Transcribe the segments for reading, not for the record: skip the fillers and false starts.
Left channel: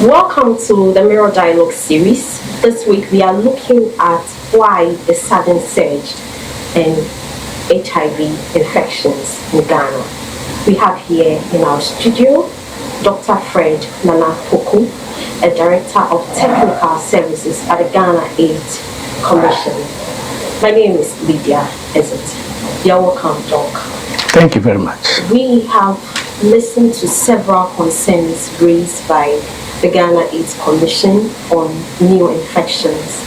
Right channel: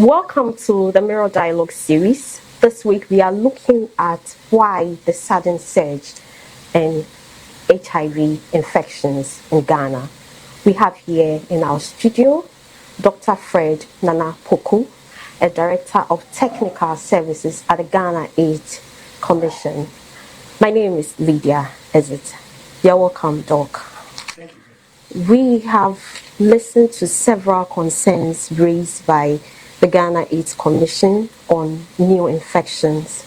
Welcome to the Mirror Dialogue series. This week we are looking at why the sudden surge in HIV infections in Ghana. We have here in our studio Dr. Fred Nana Poku, a Director of Technical Services at the Ghana AIDS Commission. My name is Lydia Ezet. You're welcome, Doc. Thank you very much. We have listened to several concerns raised by the Ghana AIDS Commission on new infections,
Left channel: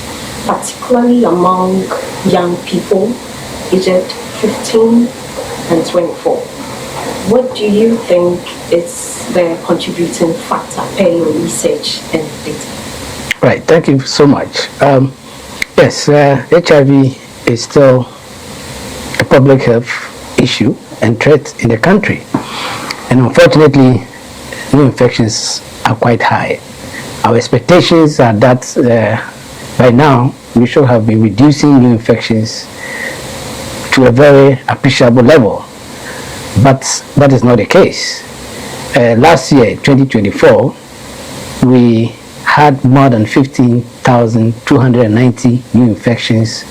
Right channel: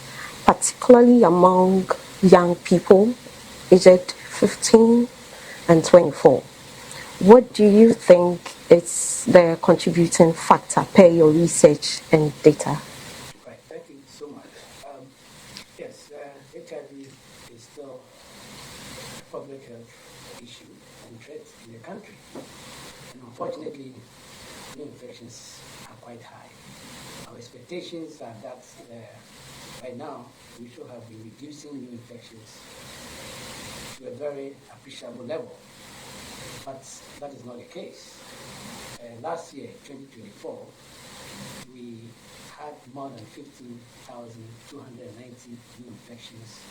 particularly among young people aged 15 and 24. What do you think is the contributing factor per your research and data? Right, thank you so much. Yes, HIV is still a public health issue and threat in the country. And unfortunately, new infections are quite high. Our expectations are that by now we should have been reducing new infections to a very appreciable level, but that is not the case. Last year, 2024, we had more than 15,290 new infections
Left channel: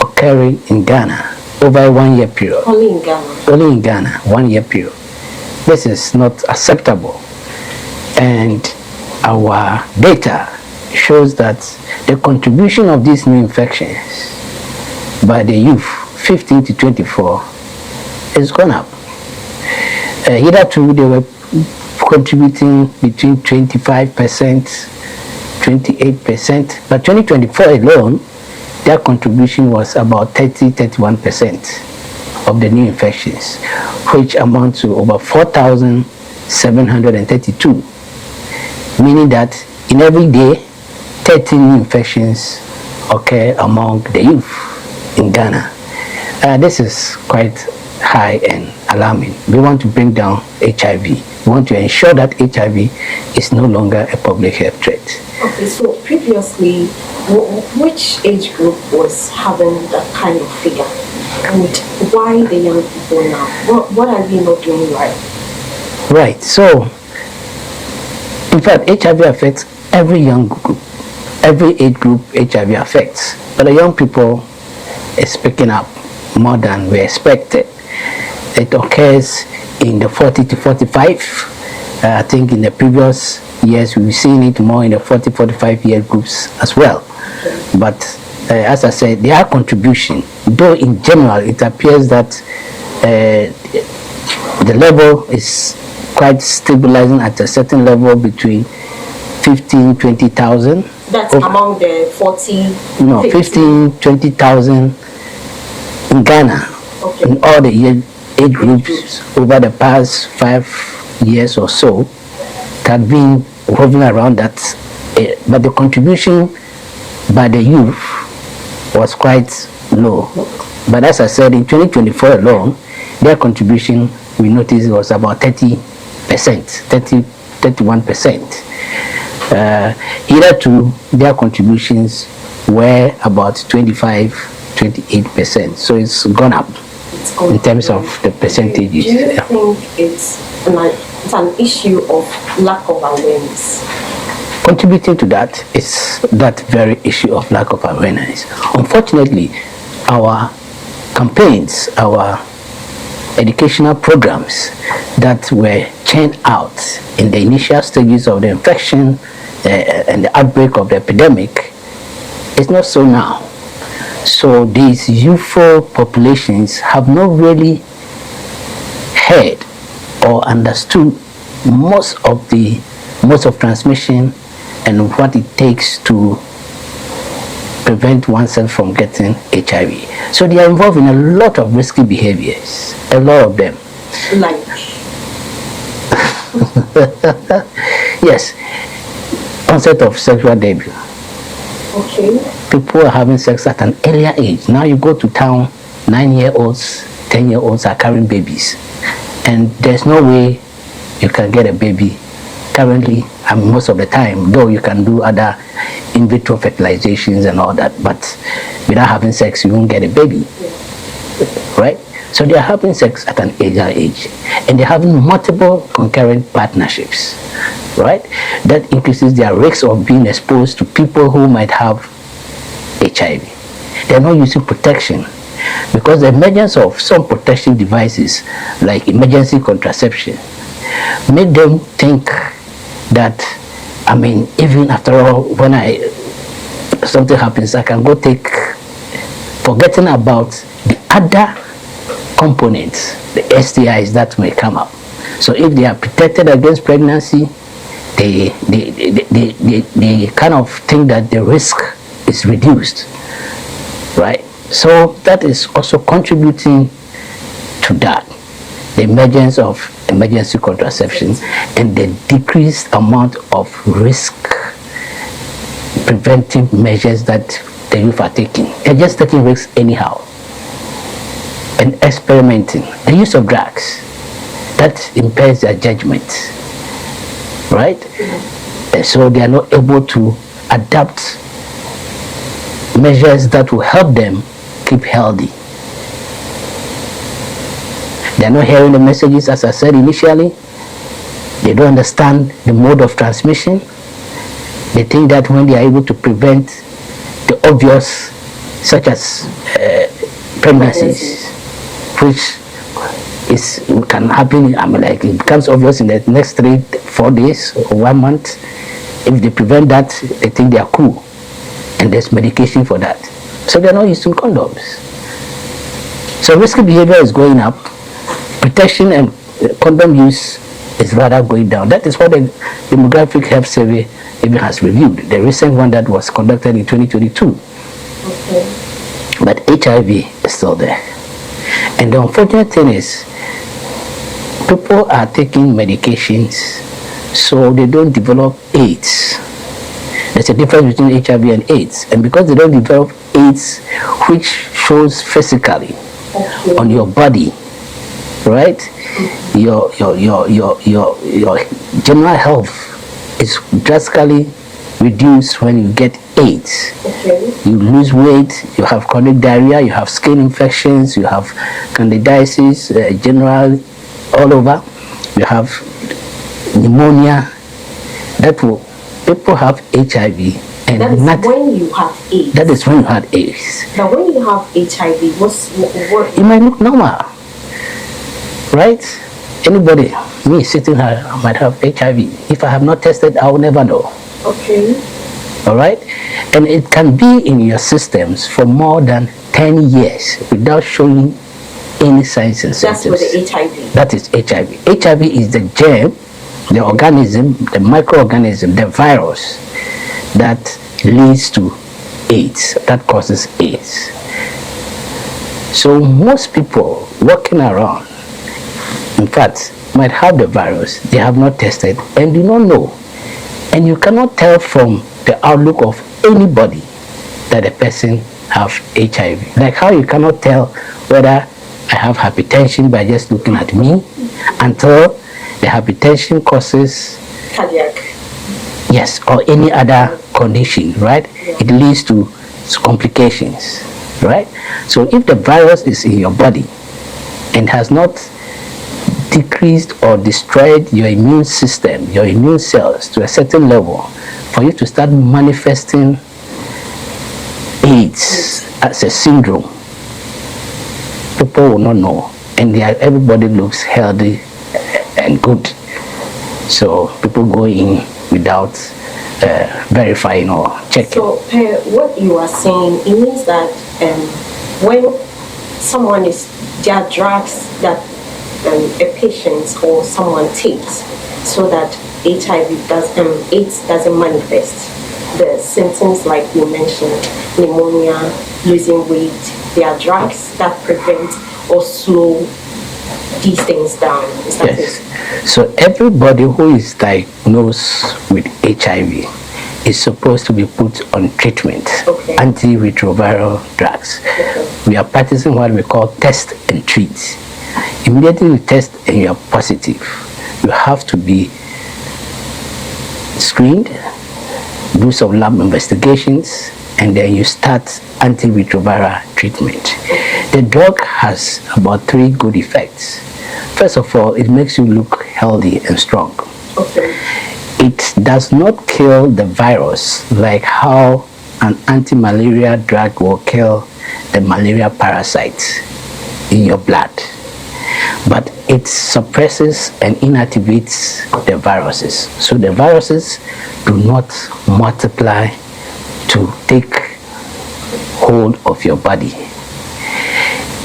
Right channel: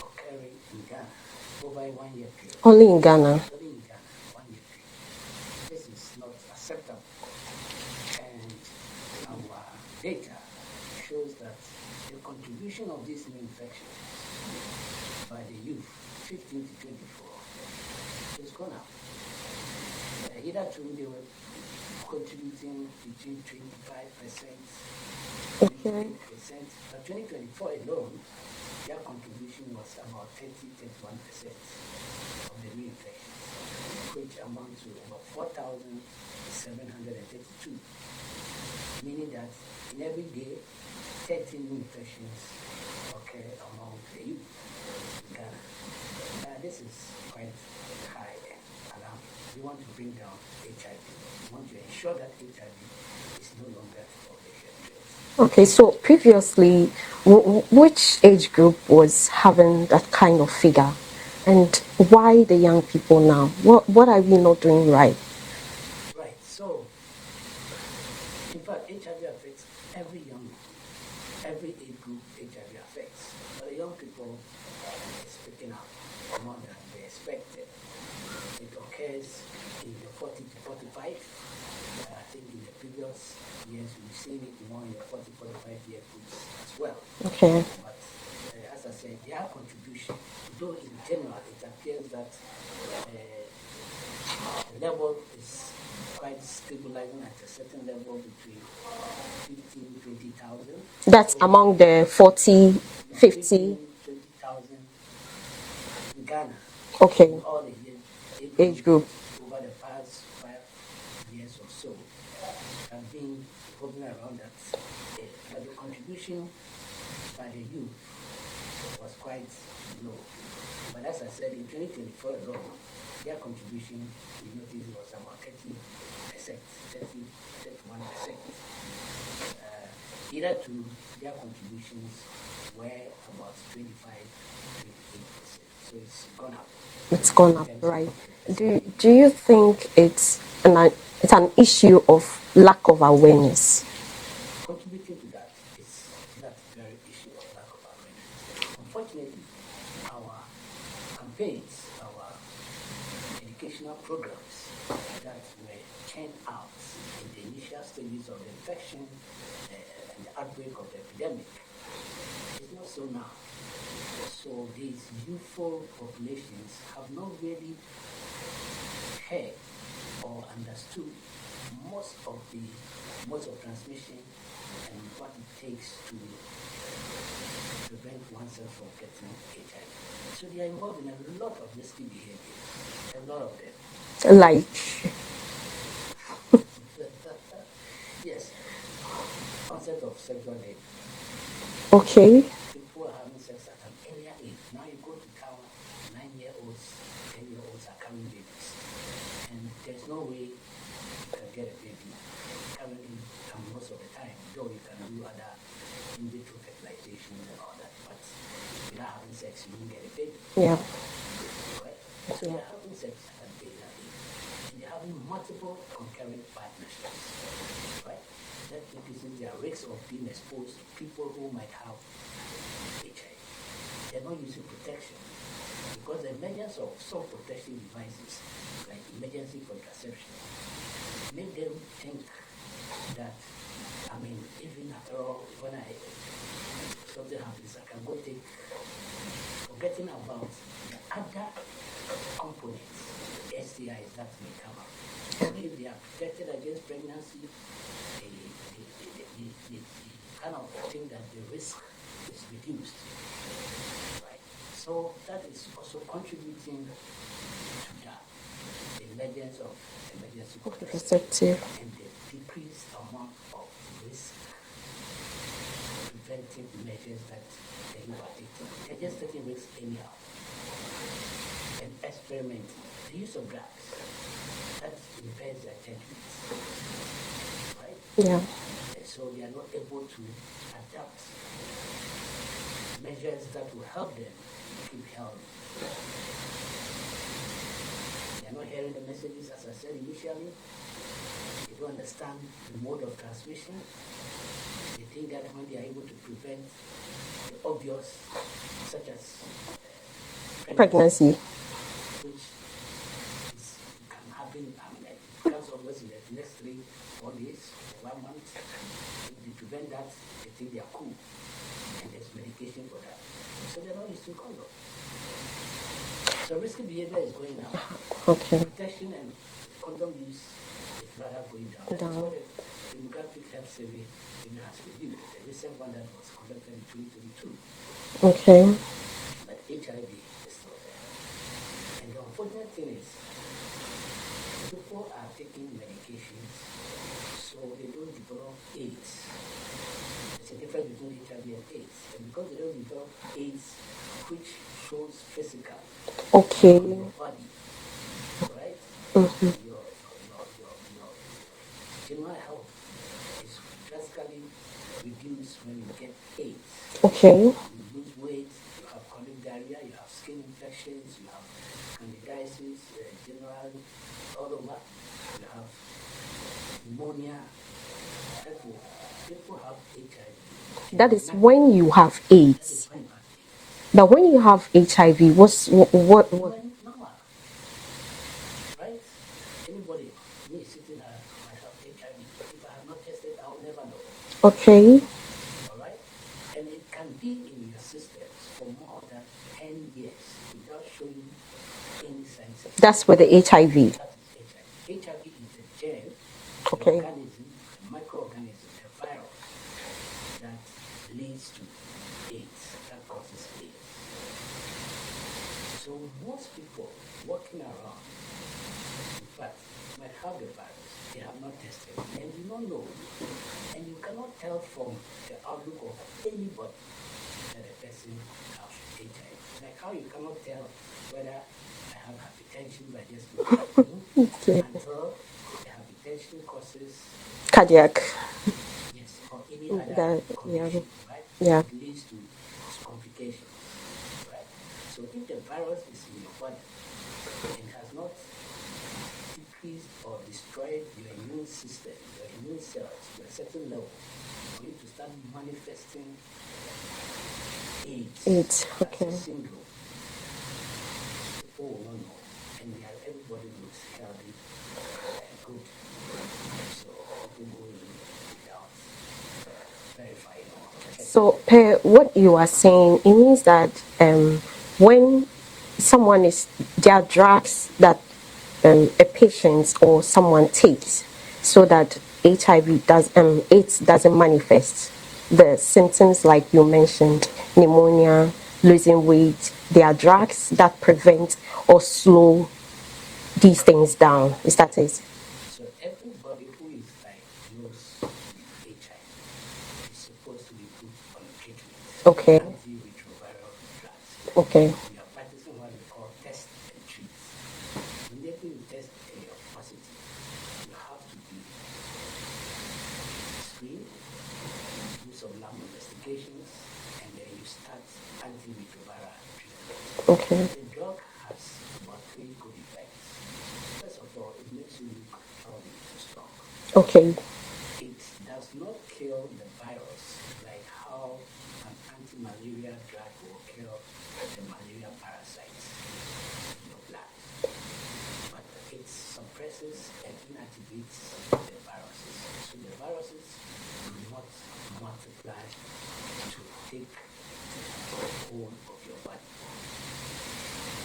occurring in Ghana over a 1 year period. Only in Ghana? Only in Ghana, 1 year period. This is not acceptable. And our data shows that the contribution of these new infections by the youth 15 to 24 is gone up. Hitherto they were contributing between 25%, 28%, but 2024 alone, their contribution was about 31% of the new infections, which amount to over 4,732. Meaning that in every day, 13 new infections occur among the youth in Ghana. This is quite high and alarming. We want to bring down HIV. We want to ensure that HIV is no longer a public health threat. Okay, so previously, which age group was having that kind of figure? And why the young people now? What are we not doing right? Right, so in fact, HIV affects every young group, every age group HIV affects. But the young people is picking up more than we expected. It occurs in the 40 to 45. I think in the previous years we've seen it more in the 40-45 year groups as well. Okay. But as I said, their contribution, though in general it appears that the level is quite stabilizing at a certain level between 15,000-20,000. That's among the 40? No, 15,000-20,000 in Ghana. Okay. In all the age groups over the past 5 years or so, it had been hovering around that. But the contribution by the youth was quite low. But as I said, in 2024 alone, their contribution, we noticed, was about 31%. Hitherto, their contributions were about 25-28%. So it's gone up in terms of the percentages. Do you think it's an issue of lack of awareness? Contributing to that is that very issue of lack of awareness. Unfortunately, our campaigns, our educational programs that were churned out in the initial stages of the infection and the outbreak of the epidemic is not so now. So these youthful populations have not really heard or understood most of transmission and what it takes to prevent oneself from getting HIV. So they are involved in a lot of risky behaviors, a lot of them. Like? Yes, onset of sexual debut. Okay. People are having sex at an earlier age. Now you go to town, 9-year-olds, 10-year-olds are carrying babies. And there's no way you can get a baby currently, I mean, most of the time, though you can do other in vitro fertilizations and all that, but without having sex, you won't get a baby. Yeah. Right? So they are having sex at an earlier age, and they're having multiple concurrent partnerships. right? That increases their risk of being exposed to people who might have HIV. They're not using protection because the emergence of some protection devices like emergency contraception make them think that, I mean, even after all, when something happens, I can go take, forgetting about the other components, the STIs that may come up. So if they are protected against pregnancy, they kind of think that the risk is reduced, right? So that is also contributing to that, the emergence of emergency contraception and the decreased amount of risk preventive measures that the youth are taking. They're just taking risks anyhow and experimenting. The use of drugs, that impairs their judgment, right? Yeah. And so they are not able to adapt measures that will help them keep healthy. They are not hearing the messages, as I said initially. They don't understand the mode of transmission. They think that when they are able to prevent the obvious, such as pregnancies, which can happen, I mean, like it becomes obvious in the next 3-4 days or 1 month. If they prevent that, they think they are cool, and there's medication for that. So they're not using condoms. So risky behavior is going up. Protection and condom use is rather going down. That is what the demographic health survey even has reviewed. The recent one that was conducted in 2022. Okay. But HIV is still there. And the unfortunate thing is, people are taking medications so they don't develop AIDS. There's a difference between HIV and AIDS. And because they don't develop AIDS, which shows physically on your body, right? Mm-hmm. Your general health is drastically reduced when you get AIDS. Okay. You lose weight, you have chronic diarrhea, you have skin infections, you have candidiasis, general all over, you have pneumonia. That will, people have HIV. And that is when you have AIDS. That is when you have AIDS. Now, when you have HIV, what? It might look normal, right? Anybody, me sitting here, I might have HIV. If I have not tested, I will never know. Okay. All right? And it can be in your systems for more than 10 years without showing any signs and symptoms. That's for the HIV. That is HIV. HIV is the germ, the organism, the microorganism, the virus that leads to AIDS, that causes AIDS. So most people walking around, in fact, might have the virus, they have not tested and do not know. And you cannot tell from the outlook of anybody that a person have HIV. Like how you cannot tell whether I have hypertension by just looking at me until the hypertension causes cardiac. Yes, or any other condition, right? Yeah. It leads to complications, right? So if the virus is in your body and has not decreased or destroyed your immune system, your immune cells to a certain level, for you to start manifesting AIDS as a syndrome, people will not know, and everybody looks healthy and good. So people go in without verifying or checking. So, what you are saying, it means that when someone there are drugs that a patient or someone takes so that AIDS doesn't manifest. The symptoms like you mentioned, pneumonia, losing weight, there are drugs that prevent or slow these things down. Is that yes. it? So everybody who is diagnosed with HIV is supposed to be put on treatment, okay. Antiretroviral drugs. Okay. We are practicing what we call test and treat. Immediately you test and you are positive, you have to be screened, do some lab investigations, and then you start antiretroviral treatment. The drug has about 3 good effects. First of all, it makes you look healthy and strong. Okay. it does not kill the virus like how an anti-malaria drug will kill the malaria parasite in your blood, but it suppresses and inactivates the viruses. So the viruses do not multiply to take hold of your body.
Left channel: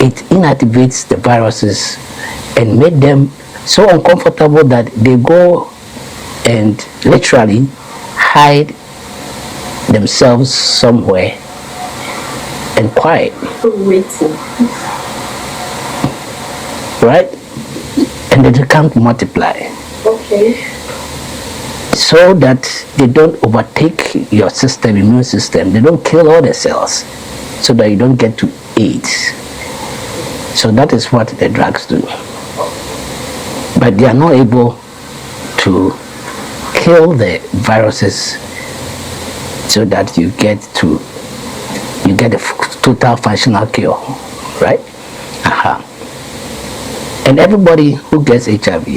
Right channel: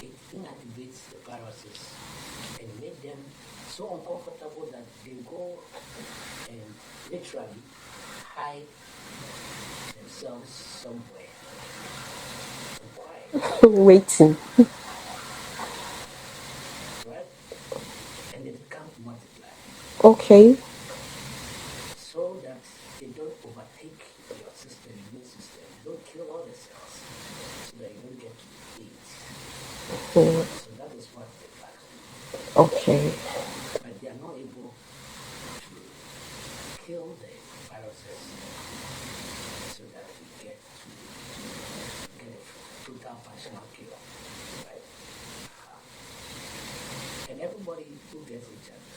It inactivates the viruses and make them so uncomfortable that they go and literally hide themselves somewhere and quiet. Waiting. Right? And they can't multiply. Okay. So that they don't overtake your system, immune system. They don't kill all the cells so that you don't get to AIDS. So that is what the drugs do. Okay. But they are not able to kill the viruses so that you get a total functional cure, right? And everybody who gets HIV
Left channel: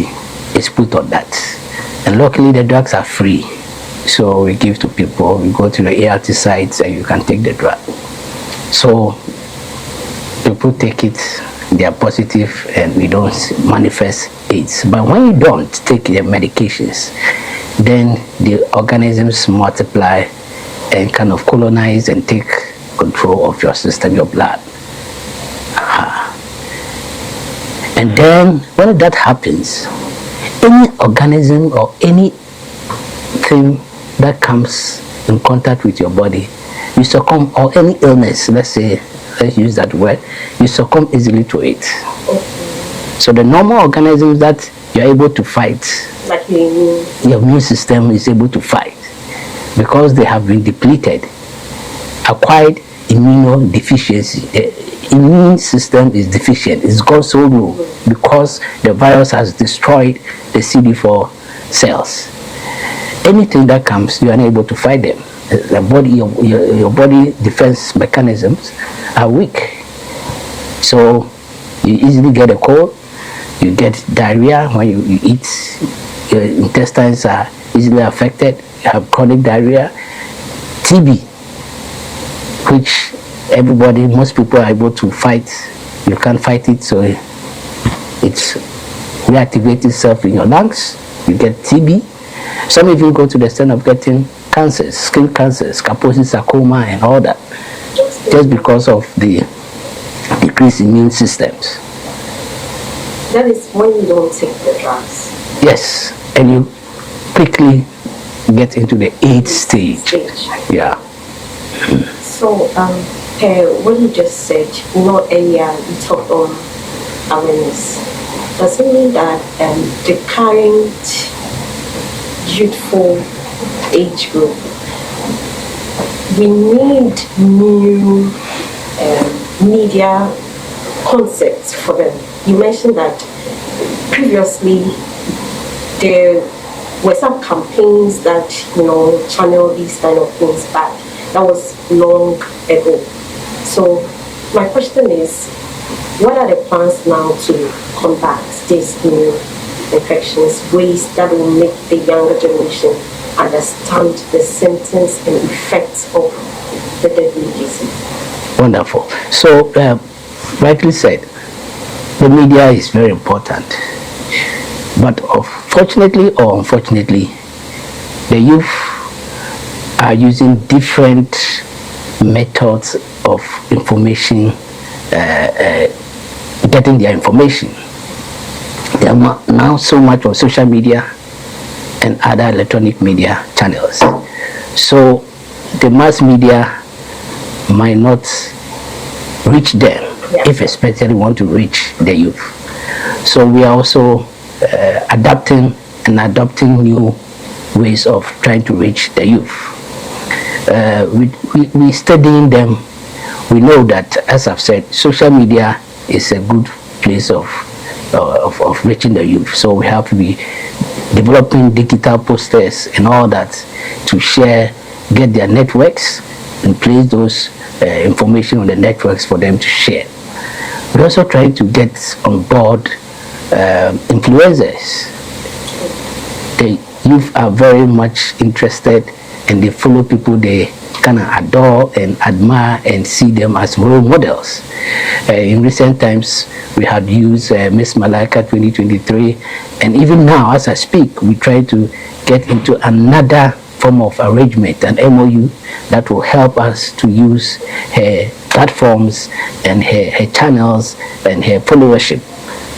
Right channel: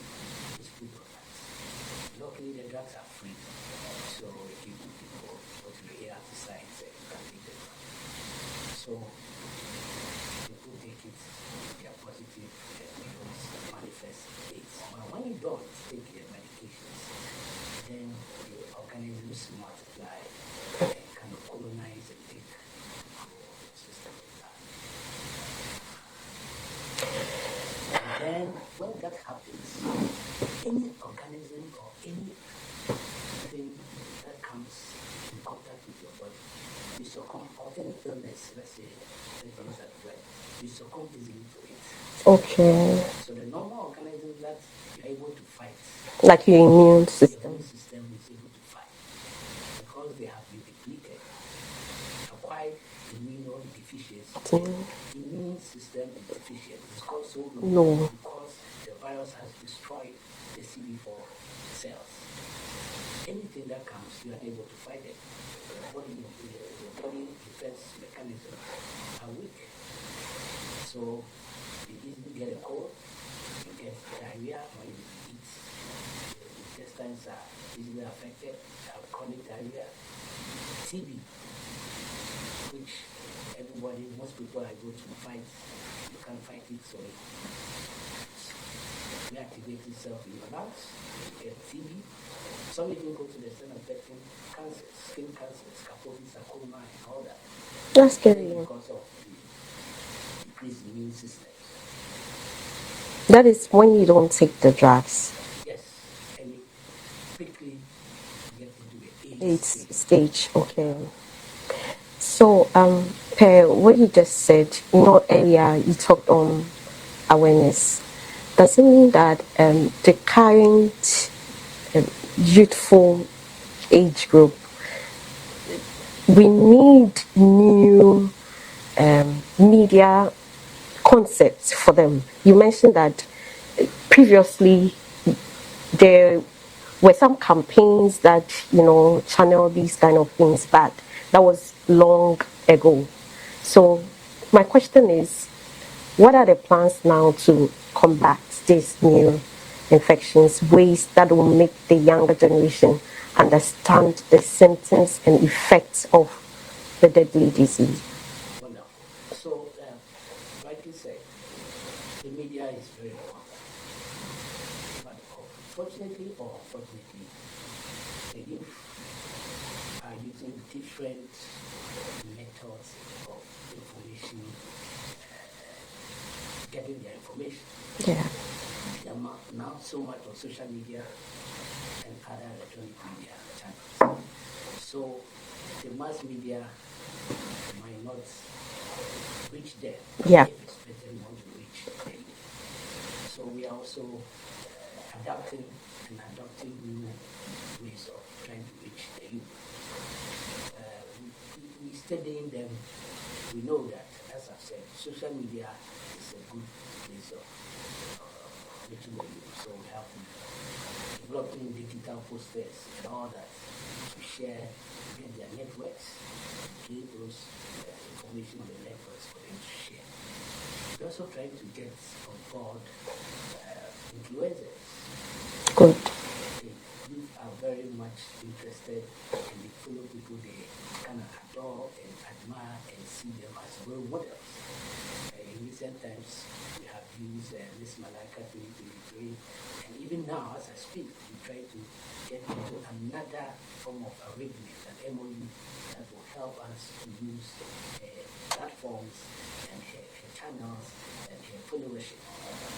is put on that. And luckily the drugs are free. So we give to people, we go to the ART sites and you can take the drug. So people take it, they are positive and we don't manifest AIDS. But when you don't take the medications, then the organisms multiply and kind of colonize and take control of your system, your blood. And then when that happens, any organism or anything that comes in contact with your body, you succumb, or any illness, let's use that word, you succumb easily to it. Okay. So the normal organisms that you're able to fight, like your immune system is able to fight, because they have been depleted, acquired immunodeficiency. The immune system is deficient. It's gone so low because the virus has destroyed the CD4 cells. Anything that comes, you are unable to fight them. The body, your body defense mechanisms are weak. So you easily get a cold, you get diarrhea when you eat, your intestines are easily affected, you have chronic diarrhea, TB, which most people are able to fight. You can't fight it, so it's reactivates itself in your lungs. You get TB. Some even go to the extent of getting cancers, skin cancers, Kaposi sarcoma and all that, just because of the decreased immune systems. That is when you don't take the drugs. Yes, and you quickly get into the AIDS stage. Yeah. So, what you just said, earlier you talked on awareness. Does it mean that the current youthful age group, we need new media concepts for them? You mentioned that previously there were some campaigns that channel these kind of things back. That was long ago. So my question is, what are the plans now to combat these new infections, ways that will make the younger generation understand the symptoms and effects of the deadly disease? Wonderful. So, rightly said, the media is very important. But fortunately or unfortunately, the youth are using different methods of information, getting their information. They are now so much on social media and other electronic media channels. So the mass media might not reach them, if especially want to reach the youth. So we are also adapting and adopting new ways of trying to reach the youth. We studying them. We know that, as I've said, social media is a good place of reaching the youth. So we have to be developing digital posters and all that to share, get their networks, and place those information on the networks for them to share. We're also trying to get on board influencers. youth are very much interested, and they follow people they kind of adore and admire and see them as role models. In recent times, we had used Miss Malika 2023, and even now, as I speak, we try to get into another form of arrangement, an MOU that will help us to use her platforms and her channels and her followership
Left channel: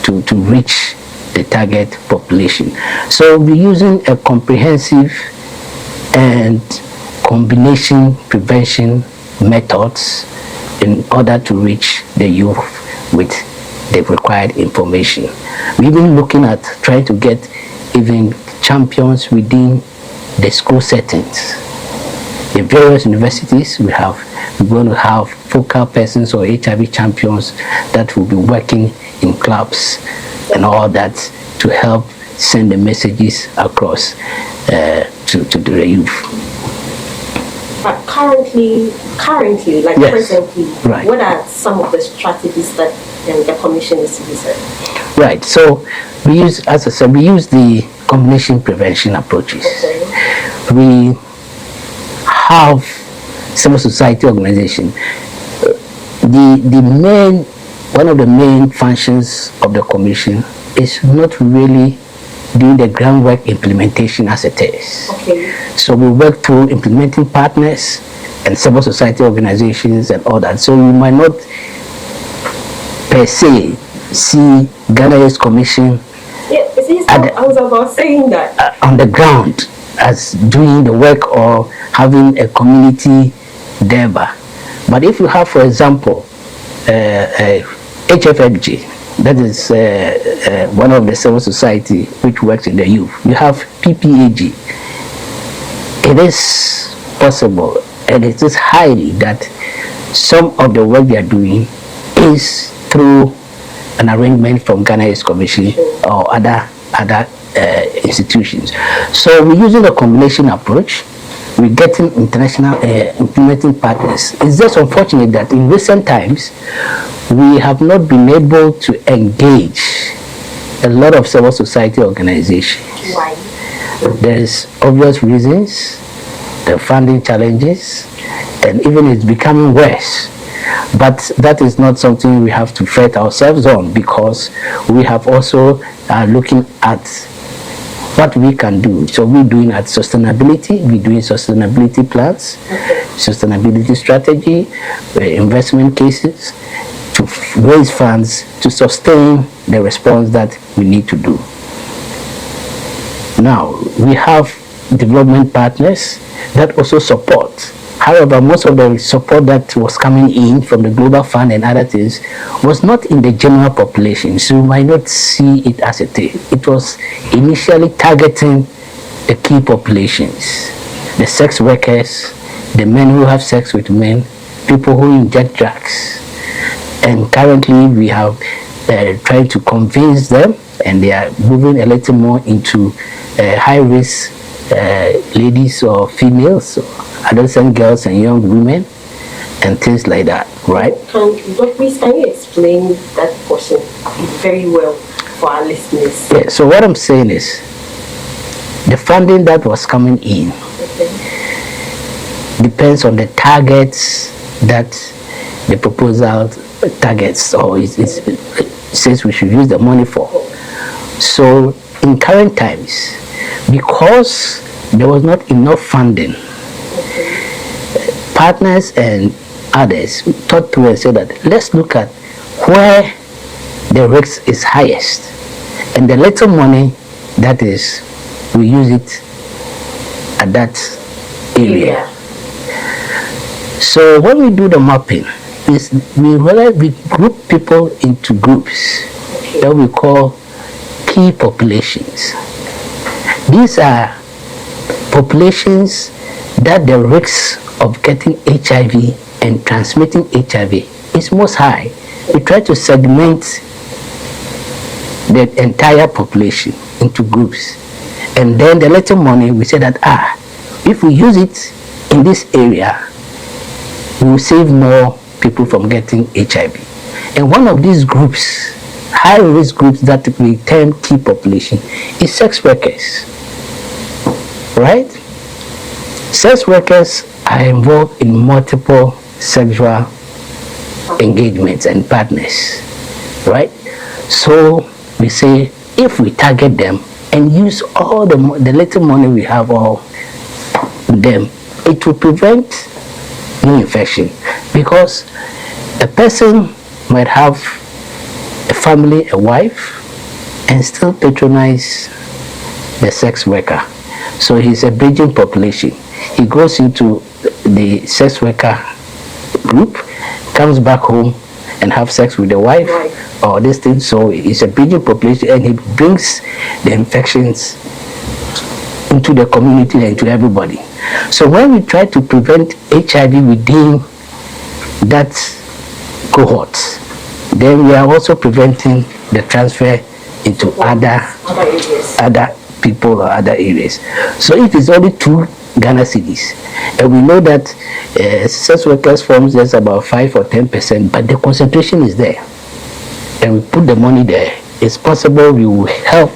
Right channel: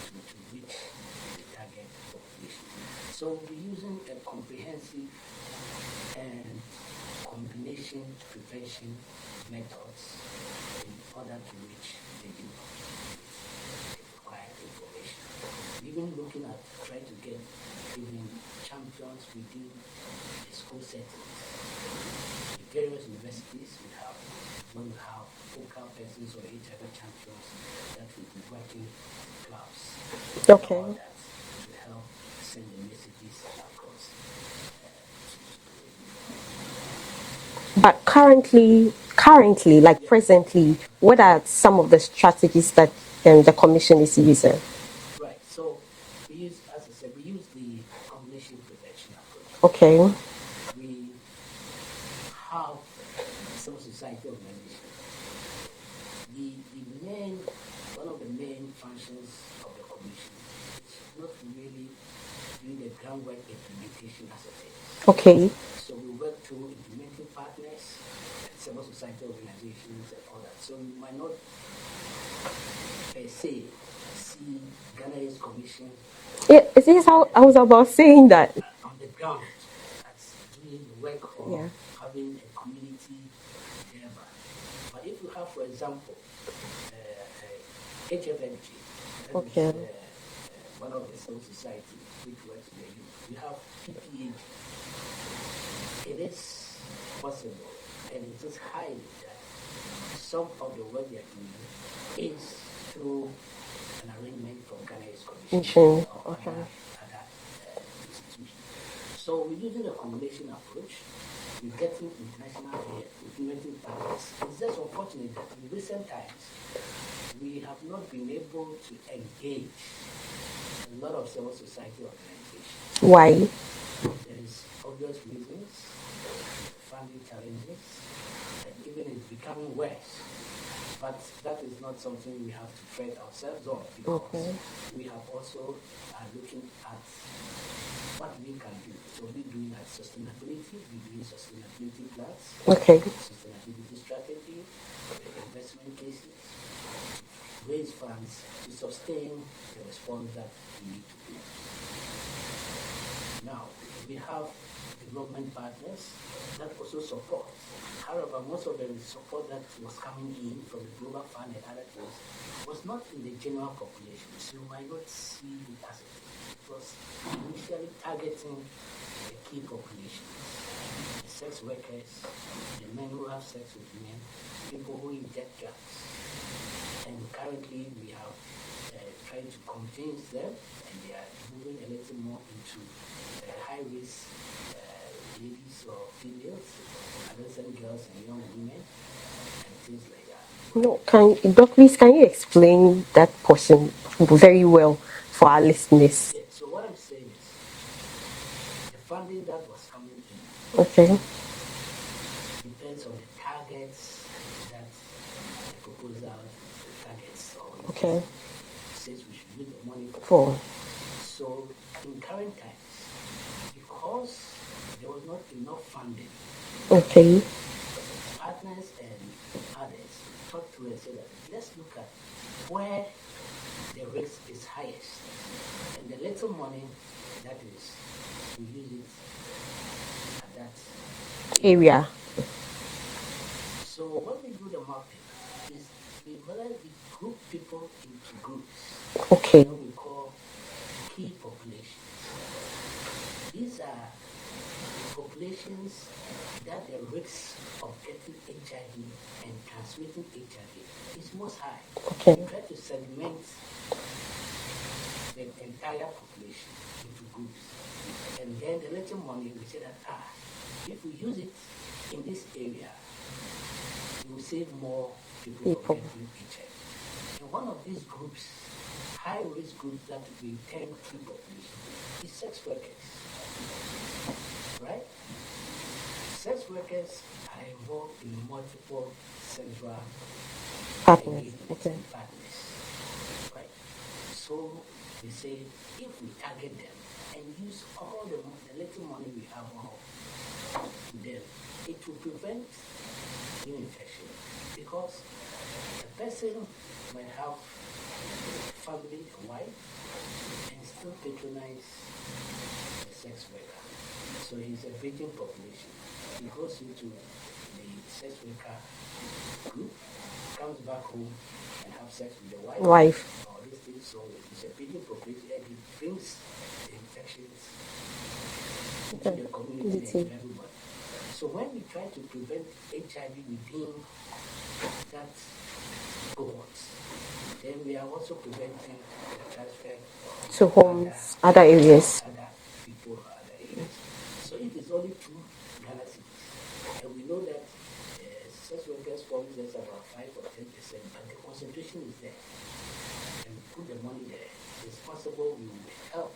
to reach the target population. So we're using a comprehensive and combination prevention methods in order to reach the youth with the required information. We're even looking at trying to get even champions within the school settings. In various universities, we're going to have focal persons or HIV champions that will be working in clubs and all that to help send the messages across to the youth. But currently, like yes. presently, right. What are some of the strategies that the Commission is using? Right. So we use, as I said, we use the combination prevention approaches. Okay. We have civil society organization. One of the main functions of the Commission is not really doing the groundwork implementation as it is. Okay. So we work through implementing partners and civil society organizations and all that. So you might not per se see Ghana Youth Commission. Yeah, I was about saying that on the ground as doing the work or having a community endeavor. But if you have, for example, HFFG, that is one of the civil society which works in the youth. You have PPAG. It is possible, and it is highly that some of the work they are doing is through an arrangement from Ghana Youth Commission or other institutions. So we're using a combination approach. We're getting international implementing partners. It's just unfortunate that in recent times, we have not been able to engage a lot of civil society organizations. Why? There's obvious reasons, the funding challenges, and even it's becoming worse. But that is not something we have to fret ourselves on, because we have also looking at what we can do. So we're doing at sustainability, we're doing sustainability plans, sustainability strategy, investment cases, to raise funds to sustain the response that we need to do. Now, we have development partners that also support. However, most of the support that was coming in from the Global Fund and other things was not in the general population, so you might not see it as a thing. It was initially targeting the key populations, the sex workers, the men who have sex with men, people who inject drugs. And currently we have tried to convince them, and they are moving a little more into high-risk ladies or females, or adolescent girls and young women, and things like that, right? Please, can you explain that portion very well for our listeners? Yeah, so what I'm saying is, the funding that was coming in depends on the targets that the proposal targets, or it says we should use the money for. So in current times, because there was not enough funding, partners and others thought through and said that let's look at where the risk is highest, and the little money that is, we use it at that area. So when we do the mapping, we realize we group people into groups that we call key populations. These are populations that the risk of getting HIV and transmitting HIV is most high. We try to segment the entire population into groups, and then the little money, we say that if we use it in this area, we will save more people from getting HIV. And one of these groups, high risk groups that we term key population, is sex workers. right? Sex workers are involved in multiple sexual engagements and partners, right? So we say if we target them and use all the little money we have on them, it will prevent new infection, because a person might have a family, a wife, and still patronize the sex worker. So he's a bridging population. He goes into the sex worker group, comes back home and have sex with the wife or this thing. So it's a bridging population, and he brings the infections into the community and to everybody. So when we try to prevent HIV within that cohort, then we are also preventing the transfer into other areas, other people or other areas. So if it's only 2 Ghana cedis, and we know that sex workers forms just about 5 or 10%, but the concentration is there, and we put the money there, it's possible we will help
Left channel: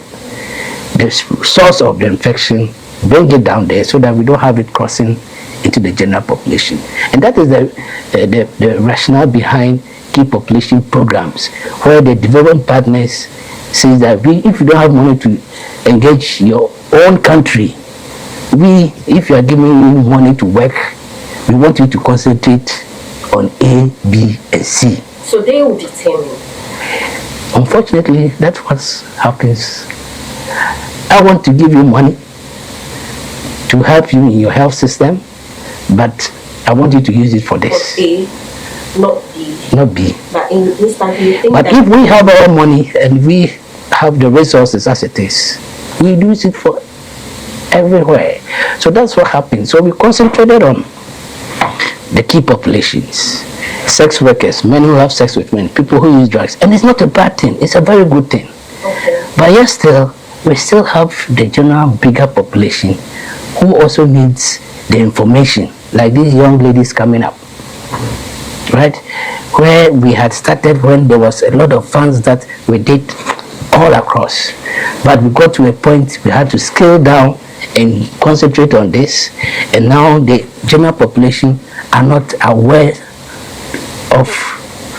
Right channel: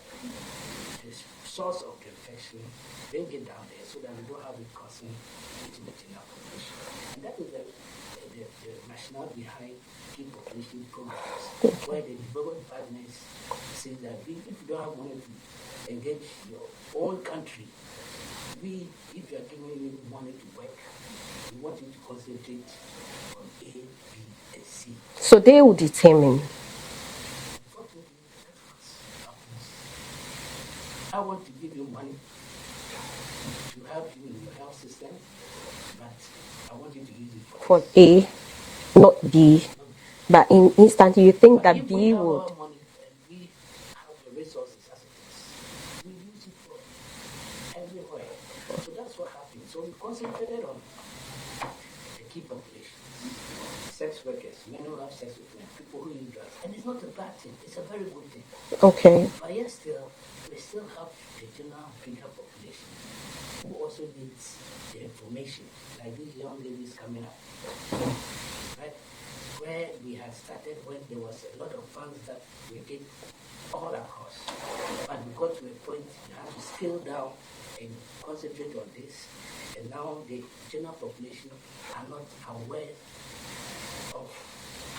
the source of the infection, bring it down there so that we don't have it crossing into the general population. And that is the rationale behind key population programs, where the development partners say that if you don't have money to engage your own country, if you are giving you money to work, we want you to concentrate on A, B, and C. So they will determine. Unfortunately, that's what happens. I want to give you money to help you in your health system, but I want you to use it for this. For A, not B. Not B. But instantly you think but that if we have our money and we have the resources as it is, we use it for everywhere. So that's what happens. So we concentrated on the key populations, sex workers, men who have sex with men, people who use drugs. And it's not a bad thing, it's a very good thing. Okay. But yet still, we still have the general bigger population who also needs the information, like these young ladies coming up, right? Where we had started when there was a lot of funds that we did all across. But we got to a point we had to scale down and concentrate on this, and now the general population are not aware of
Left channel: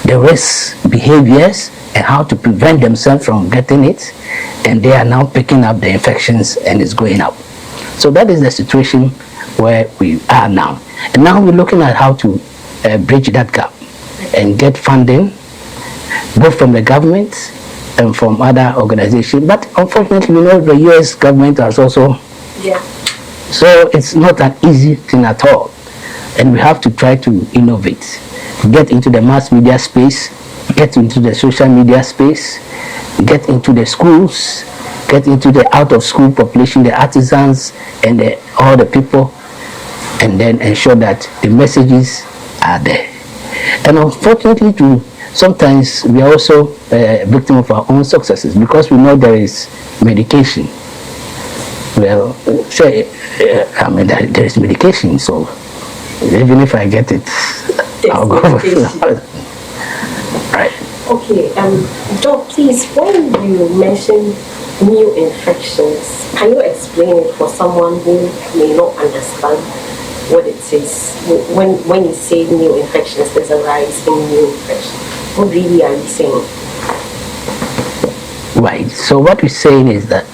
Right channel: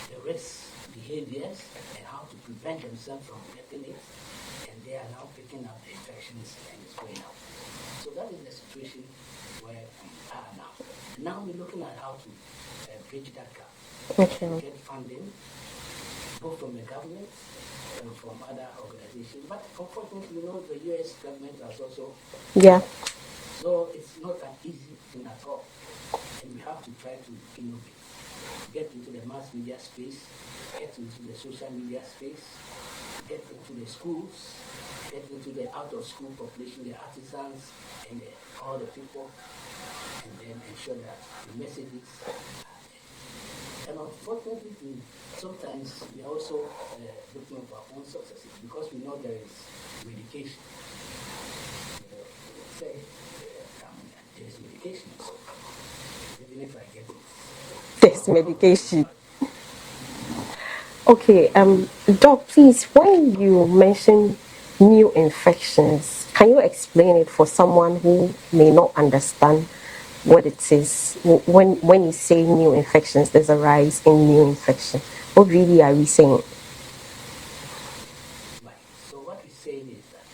the risk behaviors and how to prevent themselves from getting it, and they are now picking up the infections and it's going up. So that is the situation where we are now, and now we're looking at how to bridge that gap and get funding both from the government and from other organizations. But unfortunately, we know the US government has also, so it's not an easy thing at all, and we have to try to innovate, get into the mass media space, get into the social media space, get into the schools, get into the out of school population, the artisans and all the people, and then ensure that the messages are there. And unfortunately too, sometimes we are also a victim of our own successes, because we know there is medication. Well, say, there is medication, so even if I get it, I'll go for it. Right. Okay, Doc, please, when you mention new infections, can you explain it for someone who may not understand what it is? When you say new infections, there's a rise in new infections. What really are you saying? Right. So what we're saying is that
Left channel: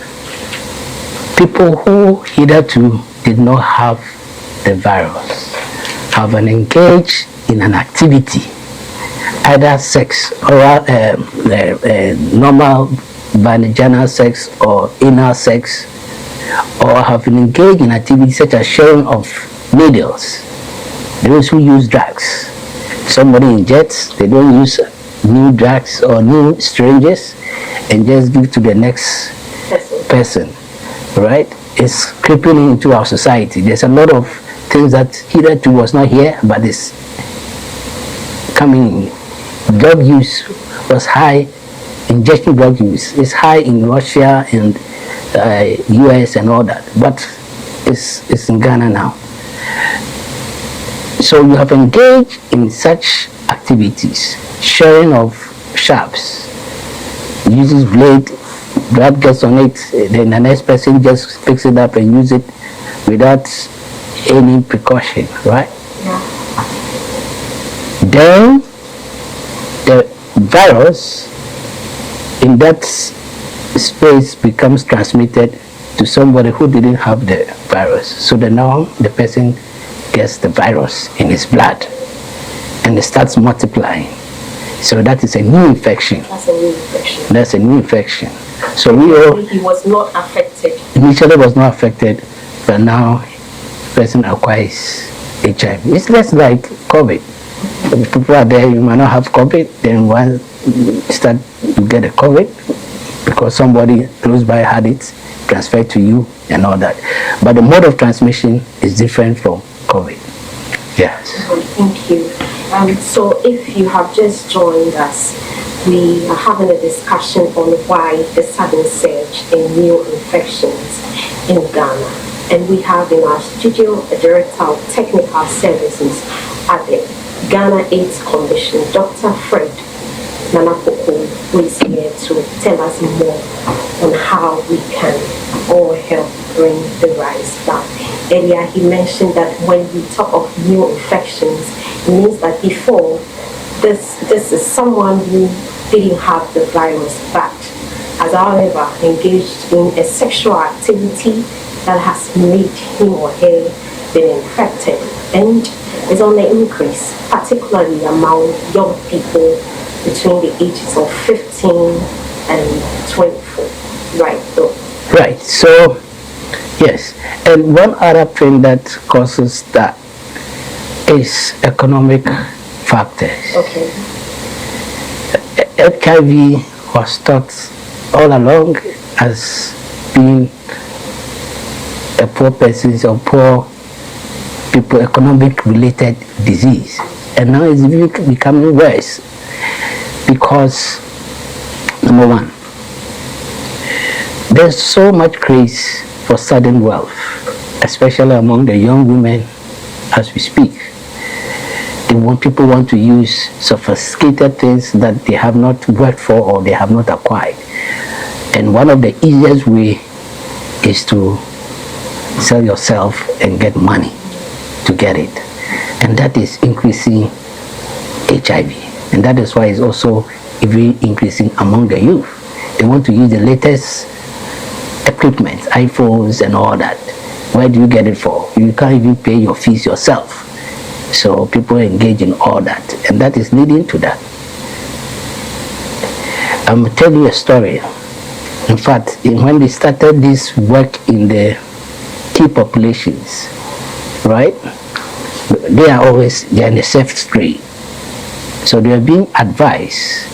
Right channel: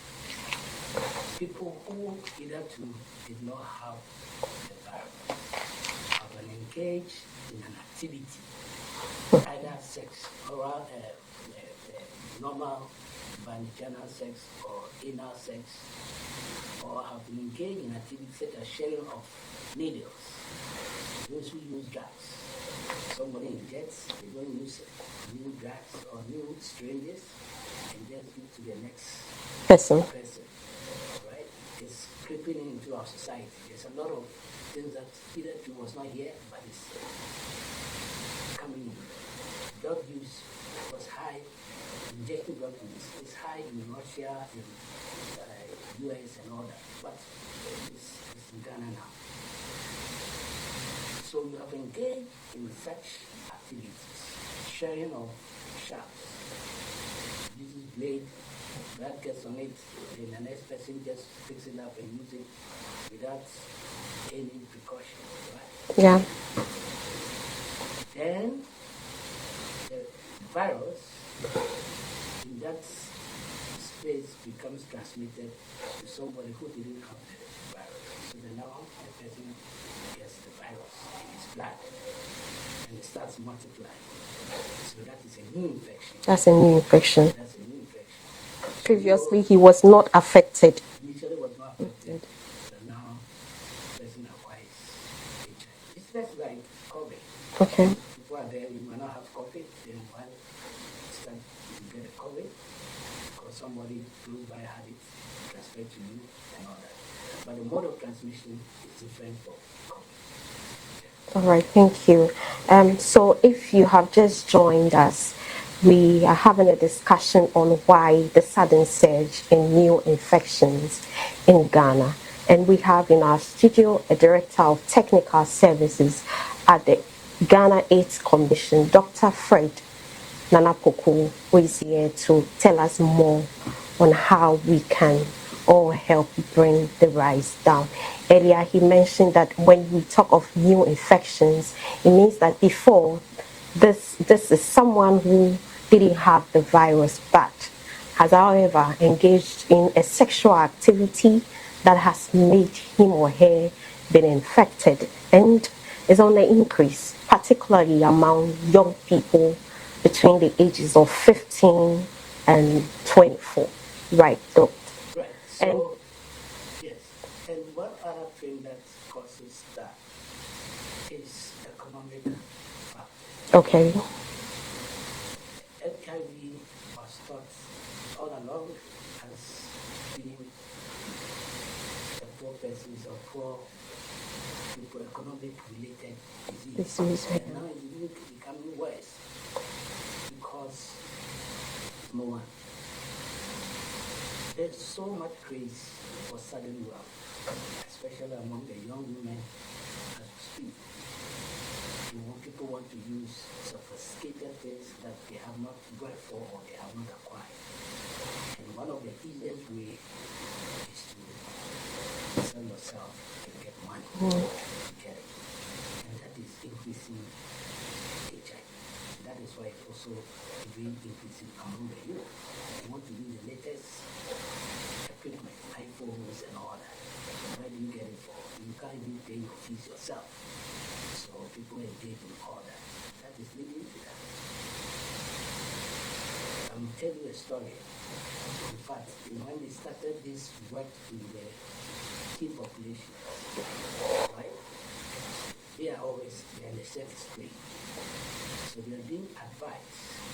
people who hitherto did not have the virus have engaged in an activity, either sex or normal vaginal sex or anal sex, or have been engaged in activities such as sharing of needles. Those who use drugs, somebody injects, they don't use new drugs or new strangers and just give to the next person, right? It's creeping into our society. There's a lot of things that hitherto was not here, but it's coming in. Drug use was high, injection drug use is high in Russia and US and all that, but it's in Ghana now. So you have engaged in such activities, sharing of sharps, uses blade, blood gets on it, then the next person just picks it up and use it without any precaution, right? Yeah. Then the virus in that space becomes transmitted to somebody who didn't have the virus. So now the person gets the virus in his blood and it starts multiplying. So that is a new infection. That's a new infection. That's a new infection. So he was not affected. Initially was not affected, but now the person acquires HIV. It's less like COVID. Okay. If people are there, you might not have COVID, then once you start, you get a COVID because somebody close by had it, transferred to you and all that. But the mode of transmission is different from COVID. Yes. All right, thank you. So if you have just joined us, we are having a discussion on why the sudden surge in new infections in Ghana. And we have in our studio a director of technical services at the Ghana AIDS Commission, Dr. Fred Nanapoko, who is here to tell us more on how we can all help bring the rise down. Earlier he mentioned that when we talk of new infections, it means that before this is someone who didn't have the virus but has however engaged in a sexual activity that has made him or her been infected, and is on the increase, particularly among young people between the ages of 15 and 24. Right, though. Right. So, yes. And one other thing that causes that is economic factors. Okay. HIV was thought all along as being a poor person's or poor people economic related disease, and now it's becoming worse because, number one, there's so much craze for sudden wealth, especially among the young women as we speak. People want to use sophisticated things that they have not worked for or they have not acquired, and one of the easiest way is to sell yourself and get money to get it, and that is increasing HIV, and that is why it's also even increasing among the youth. They want to use the latest equipment, iPhones and all that. Where do you get it for? You can't even pay your fees yourself. So people engage in all that, and that is leading to that. I'm telling you a story. In fact, when they started this work in the key populations, right? They are in the safe street. So they are being advised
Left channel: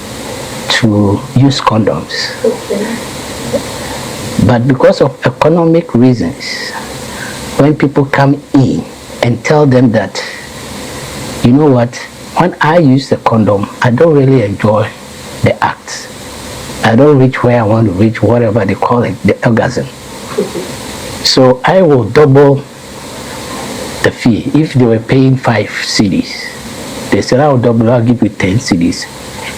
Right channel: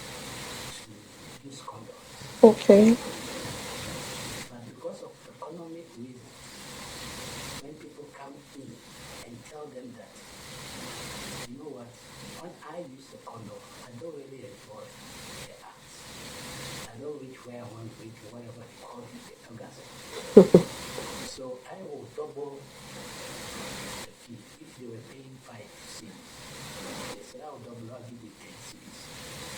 to use condoms. Okay. But because of economic reasons, when people come in and tell them that, you know what, when I use the condom, I don't really enjoy the act. I don't reach where I want to reach, whatever they call it, the orgasm. So I will double the fee. If they were paying 5 cedis, they said, I'll double, I'll give you 10 cedis,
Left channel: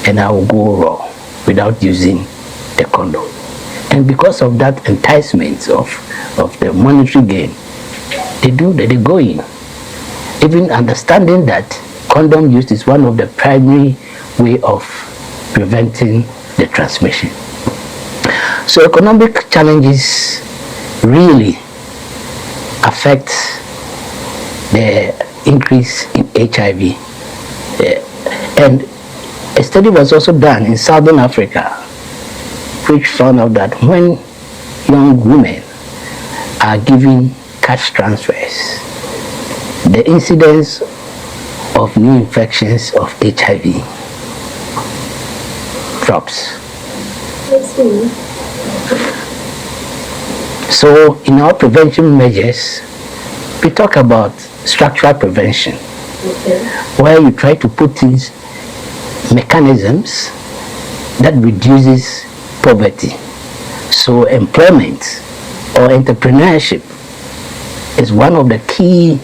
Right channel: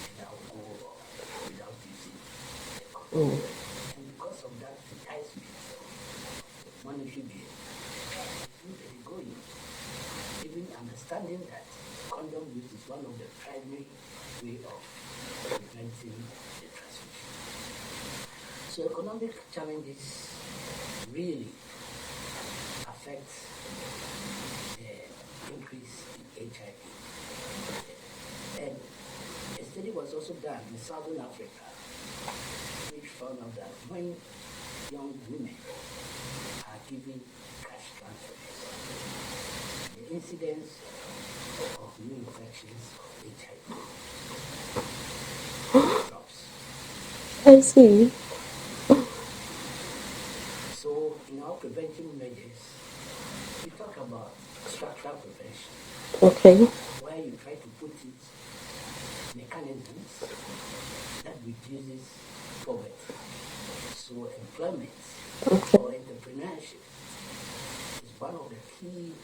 and I will go raw without using the condom. And because of that enticement of the monetary gain, they go in. Even understanding that condom use is one of the primary way of preventing the transmission. So economic challenges really affect the increase in HIV. And a study was also done in Southern Africa, which found out that when young women are given cash transfers, the incidence of new infections of HIV drops. I see. So in our prevention measures, we talk about structural prevention, Okay. where you try to put in mechanisms that reduces poverty. So employment or entrepreneurship is one of the key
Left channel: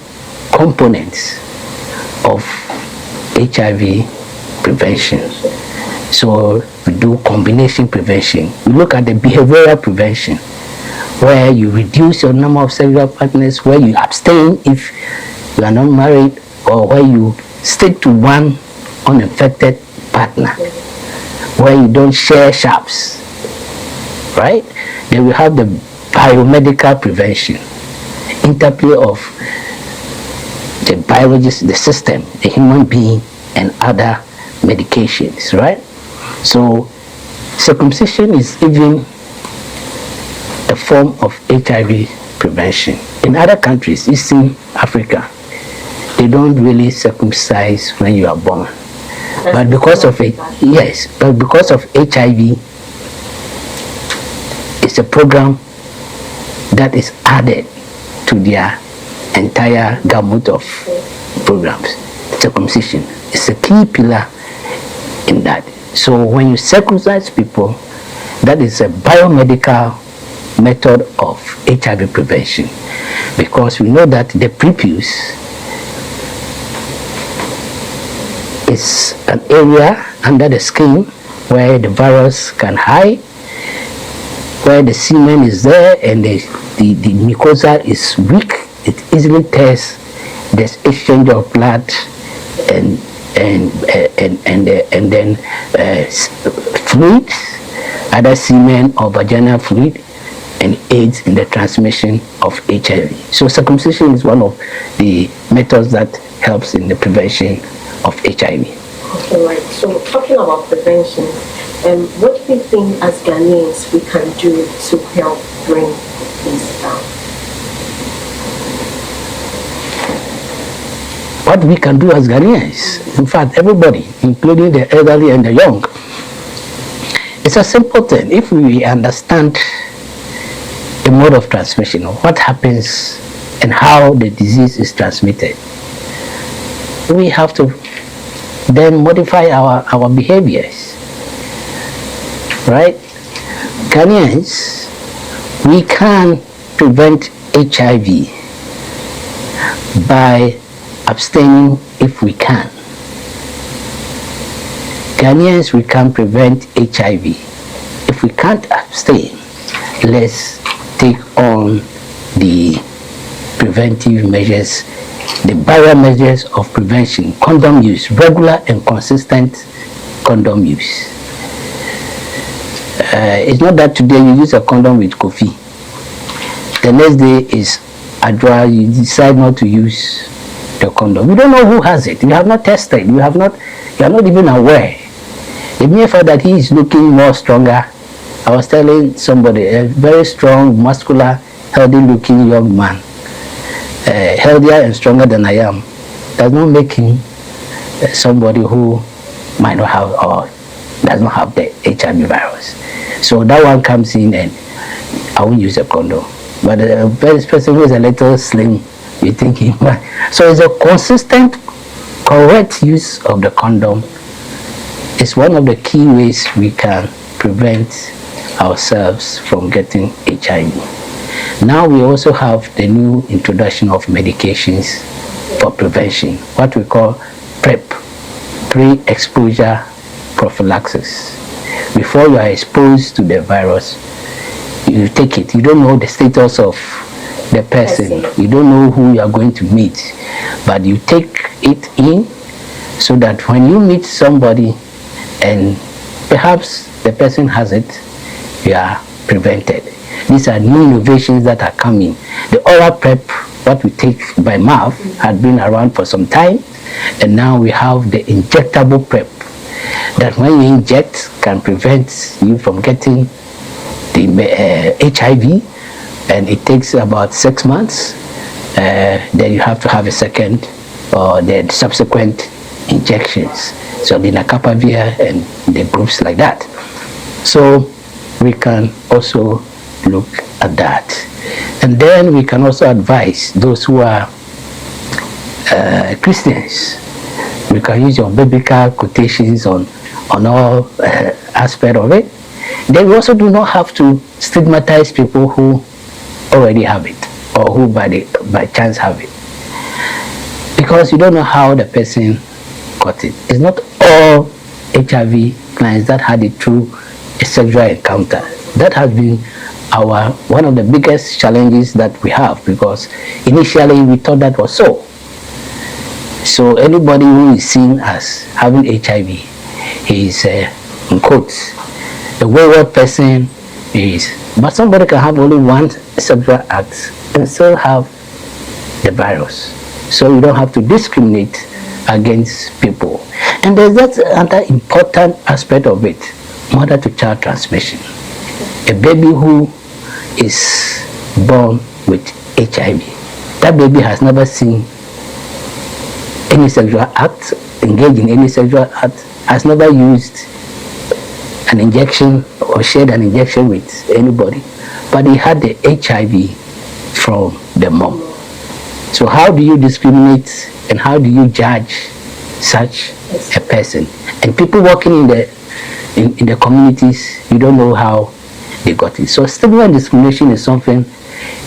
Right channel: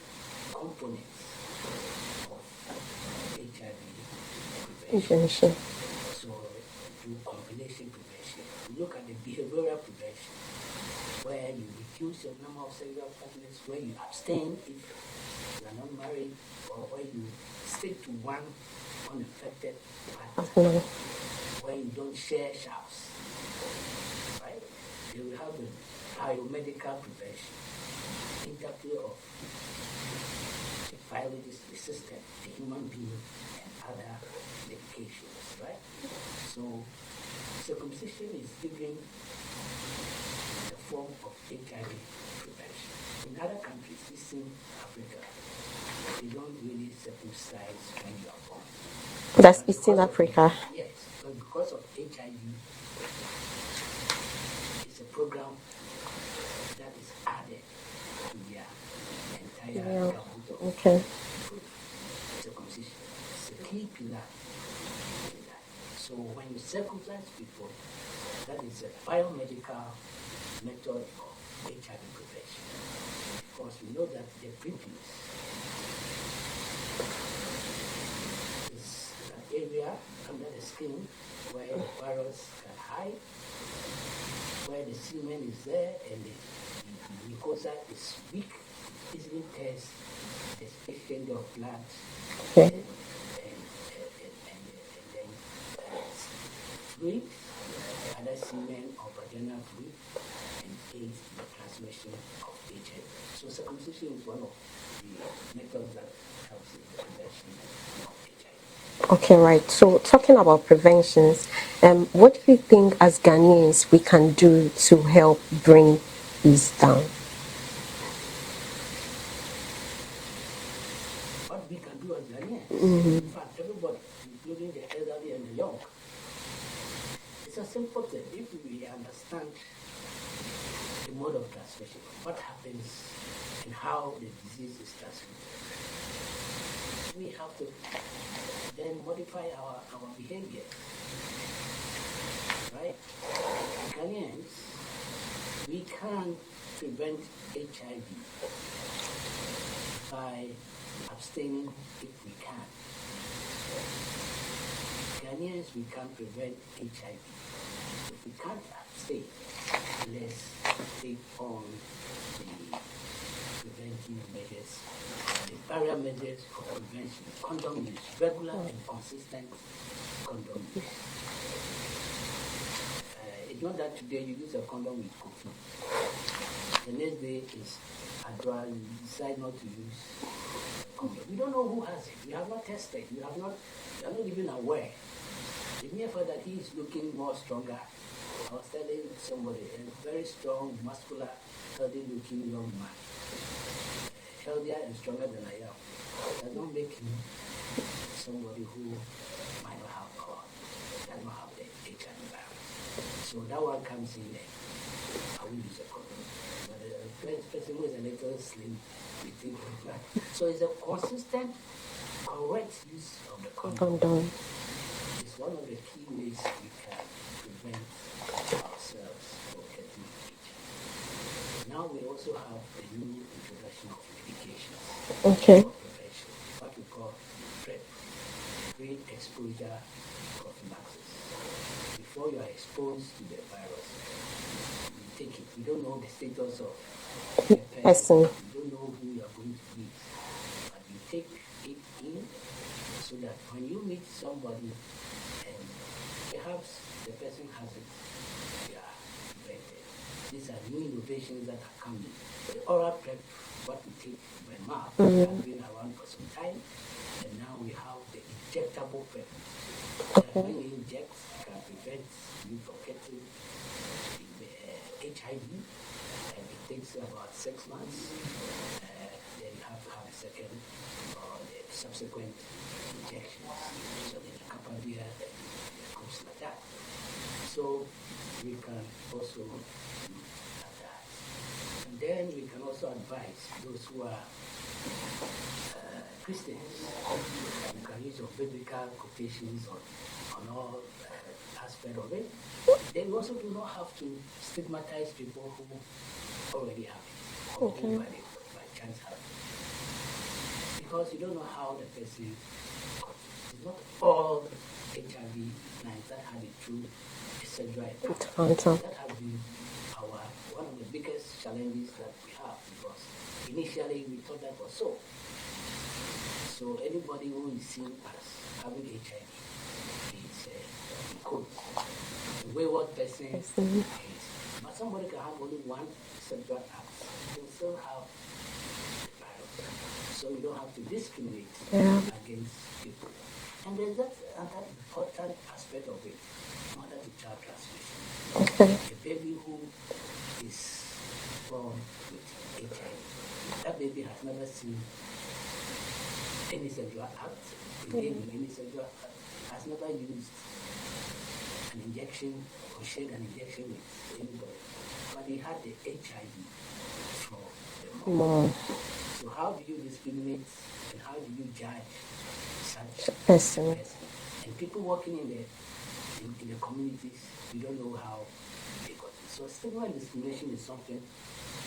components of HIV prevention. So we do combination prevention. We look at the behavioral prevention, where you reduce your number of sexual partners, where you abstain if you are not married, or where you stick to one uninfected partner, where you don't share sharps, right? Then we have the biomedical prevention, interplay of the biologist, the system, the human being, and other medications, right? So circumcision is even a form of HIV prevention. In other countries, Eastern Africa, they don't really circumcise when you are born. But because of it, yes, but because of HIV, it's a program that is added to their entire gamut of programs. Circumcision is a key pillar in that. So when you circumcise people, that is a biomedical method of HIV prevention, because we know that the prepuce is an area under the skin where the virus can hide, where the semen is there and the mucosa is weak. It easily tears. There's exchange of blood and then fluids, either semen or vaginal fluid, and aids in the transmission of HIV. So circumcision is one of the methods that helps in the prevention of HIV. Okay, right. So talking about prevention, what do you think as Ghanaians we can do to help bring this down? What we can do as Ghanaians, in fact, everybody, including the elderly and the young, it's a simple thing. If we understand the mode of transmission, or what happens and how the disease is transmitted, we have to then modify our behaviors, right? Ghanaians, we can prevent HIV by abstaining if we can. Ghanaians, we can prevent HIV. If we can't abstain, let's take on the preventive measures, the barrier measures of prevention, condom use, regular and consistent condom use. It's not that today you use a condom with coffee, the next day is Adra, you decide not to use the condom. You don't know who has it. You have not tested. You are not even aware. The mere fact that he is looking more stronger. I was telling somebody, a very strong, muscular, healthy-looking young man, healthier and stronger than I am, does not make him somebody who might not have or does not have the HIV virus. So that one comes in and I won't use a condom. But a very person who is a little slim, you think he might. So it's a consistent, correct use of the condom. It's one of the key ways we can prevent ourselves from getting HIV. Now we also have the new introduction of medications for prevention, what we call PrEP, pre-exposure prophylaxis. Before you are exposed to the virus, you take it. You don't know the status of the person. You don't know who you are going to meet, but you take it in so that when you meet somebody and perhaps the person has it, you are prevented. These are new innovations that are coming. The oral PrEP, what we take by mouth, had been around for some time, and now we have the injectable PrEP that when you inject can prevent you from getting the HIV, and it takes about 6 months. Then you have to have a second or the subsequent injections. So the Nakapavir and the groups like that. So we can also look at that. And then we can also advise those who are Christians. We can use your biblical quotations on all aspects of it. Then we also do not have to stigmatize people who already have it or who by chance have it, because you don't know how the person got it. It's not all HIV clients that had it through a sexual encounter. That has been one of the biggest challenges that we have, because initially we thought that was so. So anybody who is seen as having HIV is, in quotes, a wayward person. But somebody can have only one sexual act and still have the virus. So you don't have to discriminate against people. And there's that another important aspect of it, mother-to-child transmission. A baby who is born with HIV, that baby has never seen any sexual act, engaged in any sexual act, has never used an injection or shared an injection with anybody, but he had the HIV from the mom. So how do you discriminate and how do you judge such a person? And people working in the communities, you don't know how they got it. So stigma and discrimination is something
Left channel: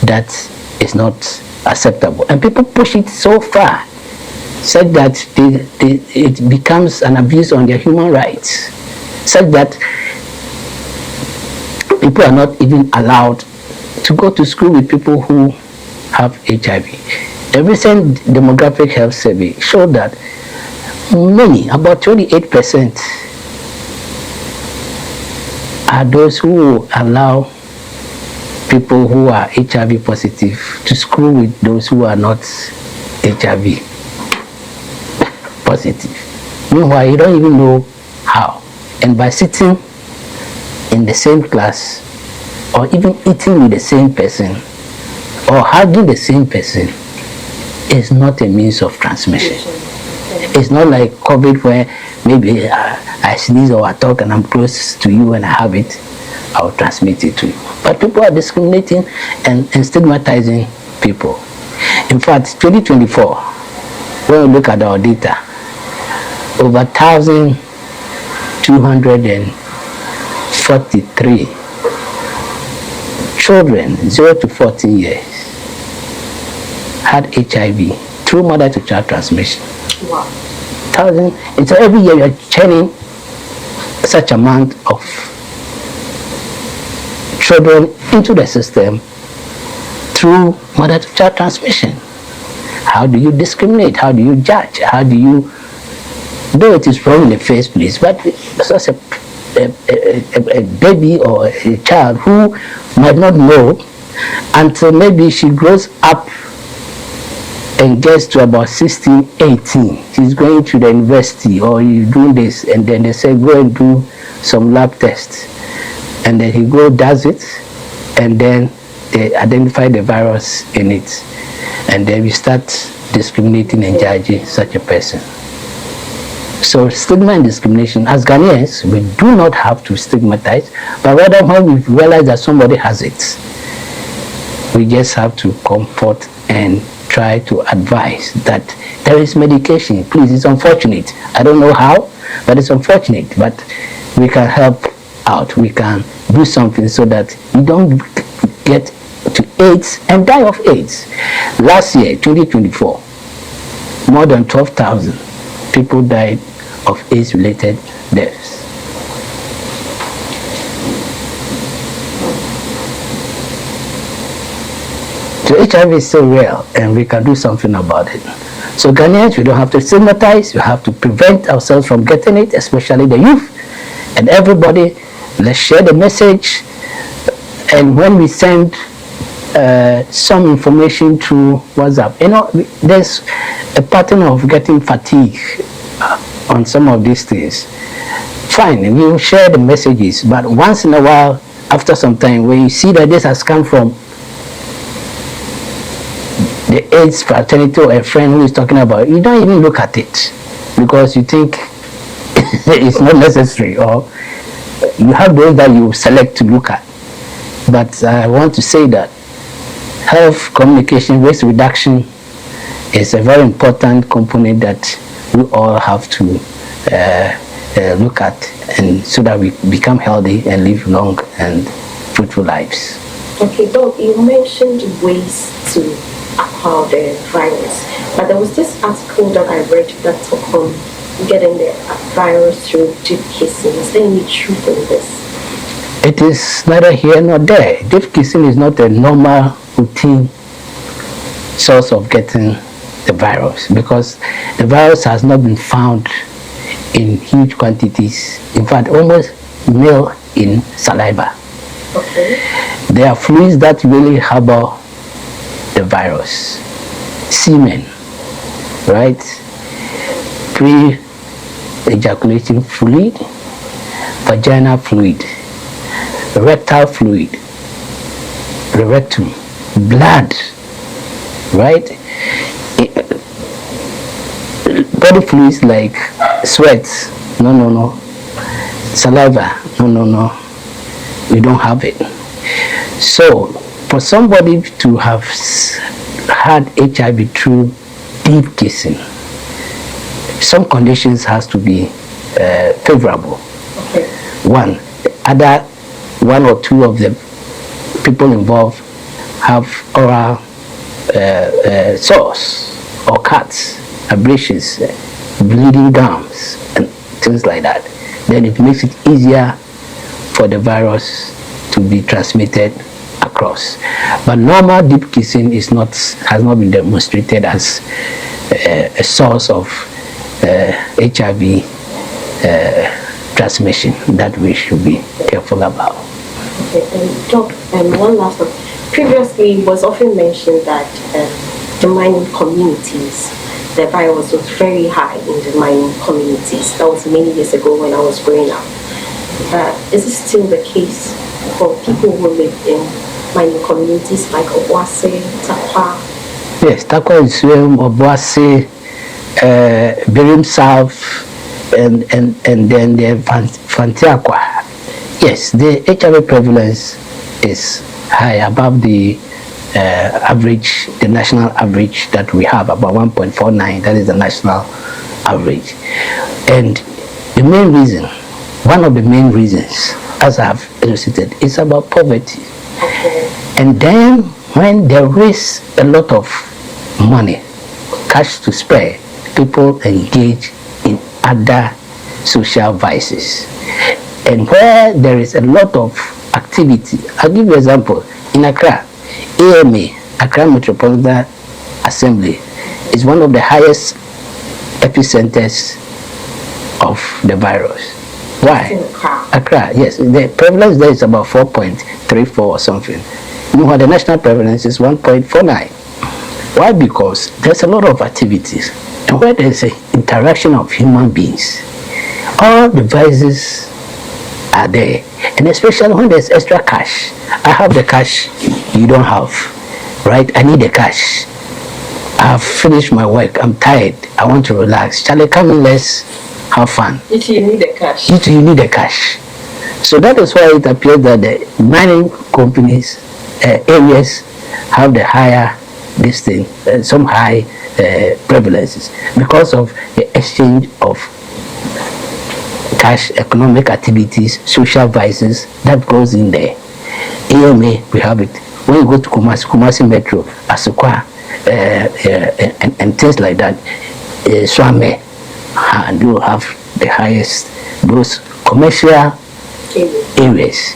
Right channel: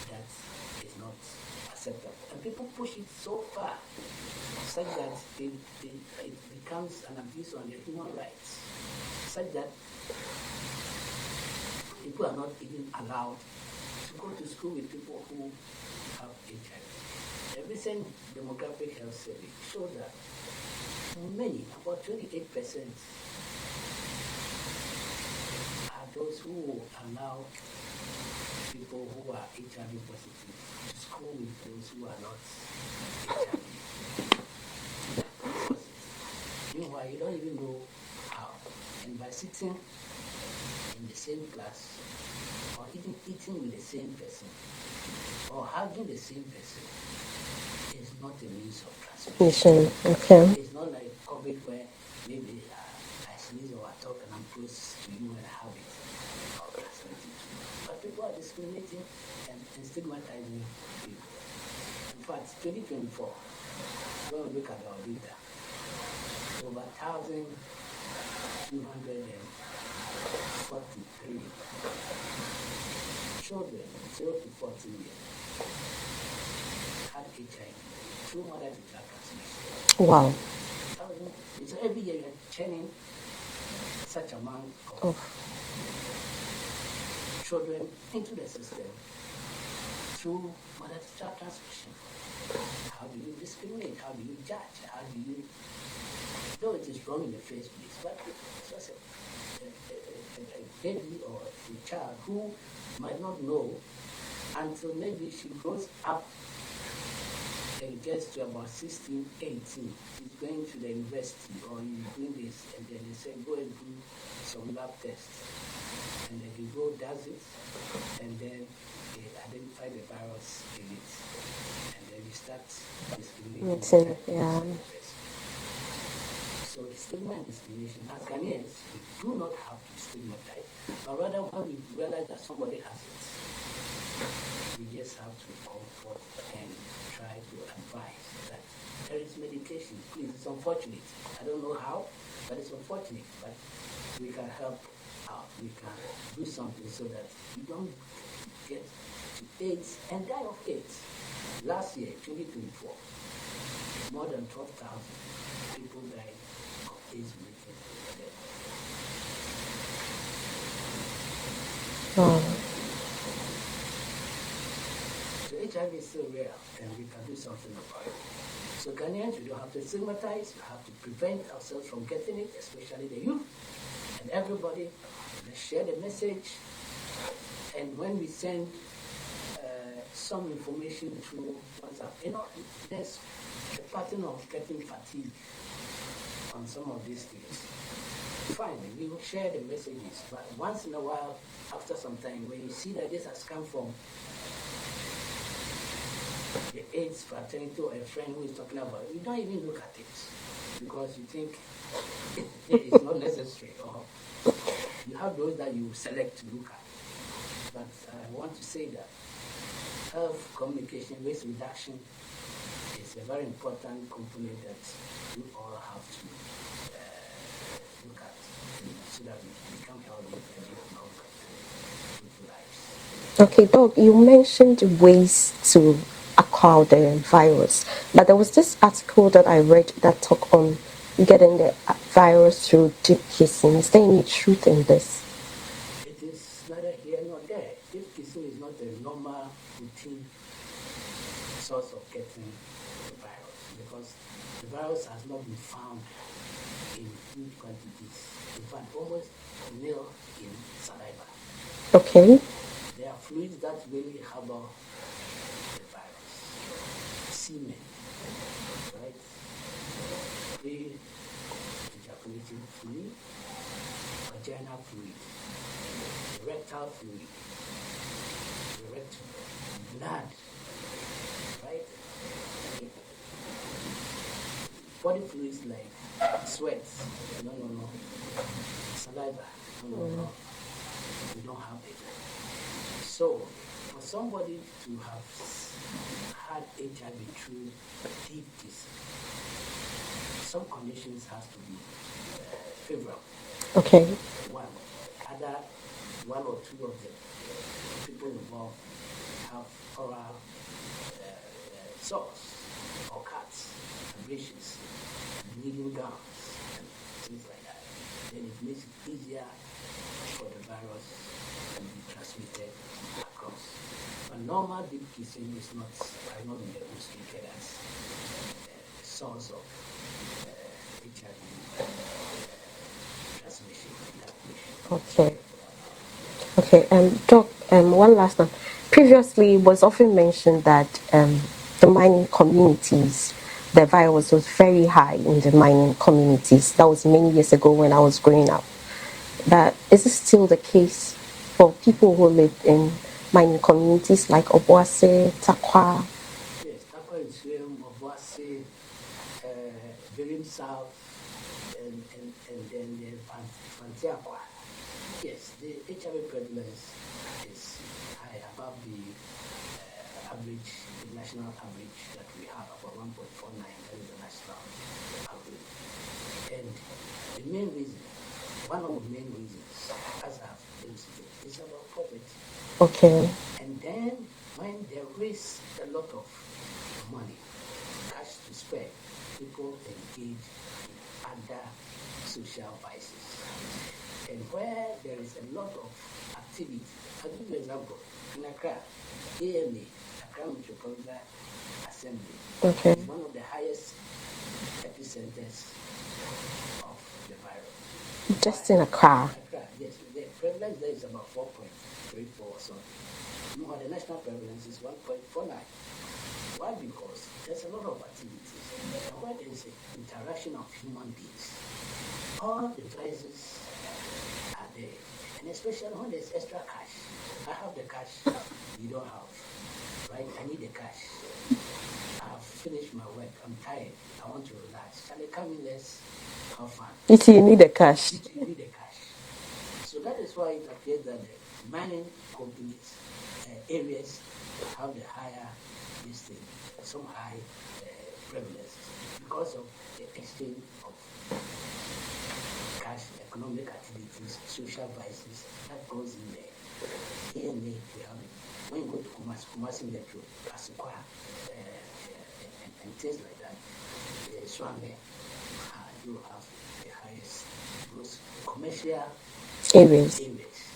that is not acceptable, and people push it so far, such that it becomes an abuse on their human rights, such that people are not even allowed to go to school with people who have HIV. The recent demographic health survey showed that many, about 28%, are those who allow people who are HIV positive to school with those who are not HIV positive. Meanwhile, you don't even know how. And by sitting in the same class, or even eating with the same person, or hugging the same person, is not a means of transmission. Okay. It's not like COVID, where maybe I sneeze or I talk and I'm close to you and I have it, I'll transmit it to you. But people are discriminating and stigmatizing people. In fact, 2024, when we look at our data, over 1,243 children 0 to 14 years had HIV through mother-to-child transmission. Wow. And so every year you're churning such amount of children into the system through mother-to-child transmission. How do you discriminate? How do you judge? How do you, though it is wrong in the first place, but such a baby or a child who might not know until maybe she grows up and gets to about 16, 18. She's going to the university or you do this, and then they say go and do some lab tests. And then he does it, and then they identify the virus in it. And then we start discriminating and judging such a person. So stigma and discrimination, as Ghanaians, we do not have to stigmatize, but rather when we realize that somebody has it, we just have to comfort and try to advise that there is medication. Please, it's unfortunate. I don't know how, but it's unfortunate. But we can help out. We can do something so that you don't get to AIDS and die of AIDS. Last year, 2024, more than 12,000 people died of AIDS-related deaths. So HIV is still real, and we can do something about it. So Ghanaians, we don't have to stigmatize. We have to prevent ourselves from getting it, especially the youth. And everybody, let's share the message. And when we send some information through WhatsApp, you know, there's a pattern of getting fatigue on some of these things. Fine, we will share the messages, but once in a while, after some time, when you see that this has come from the AIDS fraternity or a friend who is talking about it, you don't even look at it because you think it's not necessary, or you have those that you select to look at. But I want to say that health communication waste reduction is a very important component that we all have to look at, and so that we become healthy and live long and fruitful lives. Okay, Doc, you mentioned ways to acquire the virus, but there was this article that I read that talked on getting the virus through deep kissing. Is there any truth in this? It is neither here nor there. Deep kissing is not a normal routine source of getting the virus, because the virus has not been found in huge quantities. In fact, almost nil in saliva. Okay. There are fluids that really harbor the virus. Semen, right? Pre-ejaculation fluid, vaginal fluid, rectal fluid, the rectum, blood, right? Body fluids like sweat, no. Saliva, no. We don't have it. So, for somebody to have had HIV through deep kissing, some conditions has to be favorable. Okay. One or two of the people involved have oral sores or cuts, abrasions, bleeding gums, and things like that. Then it makes it easier for the virus to be transmitted across. But normal deep kissing has not been demonstrated as a source of HIV transmission that we should be careful about. Okay, and Doc, one last one. Previously, it was often mentioned that the mining communities, the virus was very high in the mining communities. That was many years ago when I was growing up. Is this still the case for people who live in mining communities like Obuasi, Tarkwa? Yes, Tarkwa is Obuasi, Birim South, and then the Fanteakwa. Yes, the HIV prevalence is high, above the average, the national average that we have, about 1.49. That is the national average. And the main reason, one of the main reasons, as I have illustrated, is about poverty. Okay. And then when there is a lot of money, cash to spare, people engage in other social vices. And where there is a lot of activity, I'll give you an example. In Accra, AMA, Accra Metropolitan Assembly, is one of the highest epicenters of the virus. Why? Accra, yes. The prevalence there is about 4.34 or something. Meanwhile, the national prevalence is 1.49. Why? Because there's a lot of activities. And where there's an interaction of human beings, all the vices are there. And especially when there's extra cash. I have the cash you don't have, right? I need the cash. I've finished my work. I'm tired. I want to relax. Charlie, come in, let's have fun. You need the cash. You need the cash. So that is why it appears that the mining companies, areas have the higher this thing, some high prevalences because of the exchange of cash, economic activities, social vices that goes in there. AMA, we have it. When you go to Kumasi Metro, Asukwa, and things like that, Swame, and you have the highest, those commercial areas.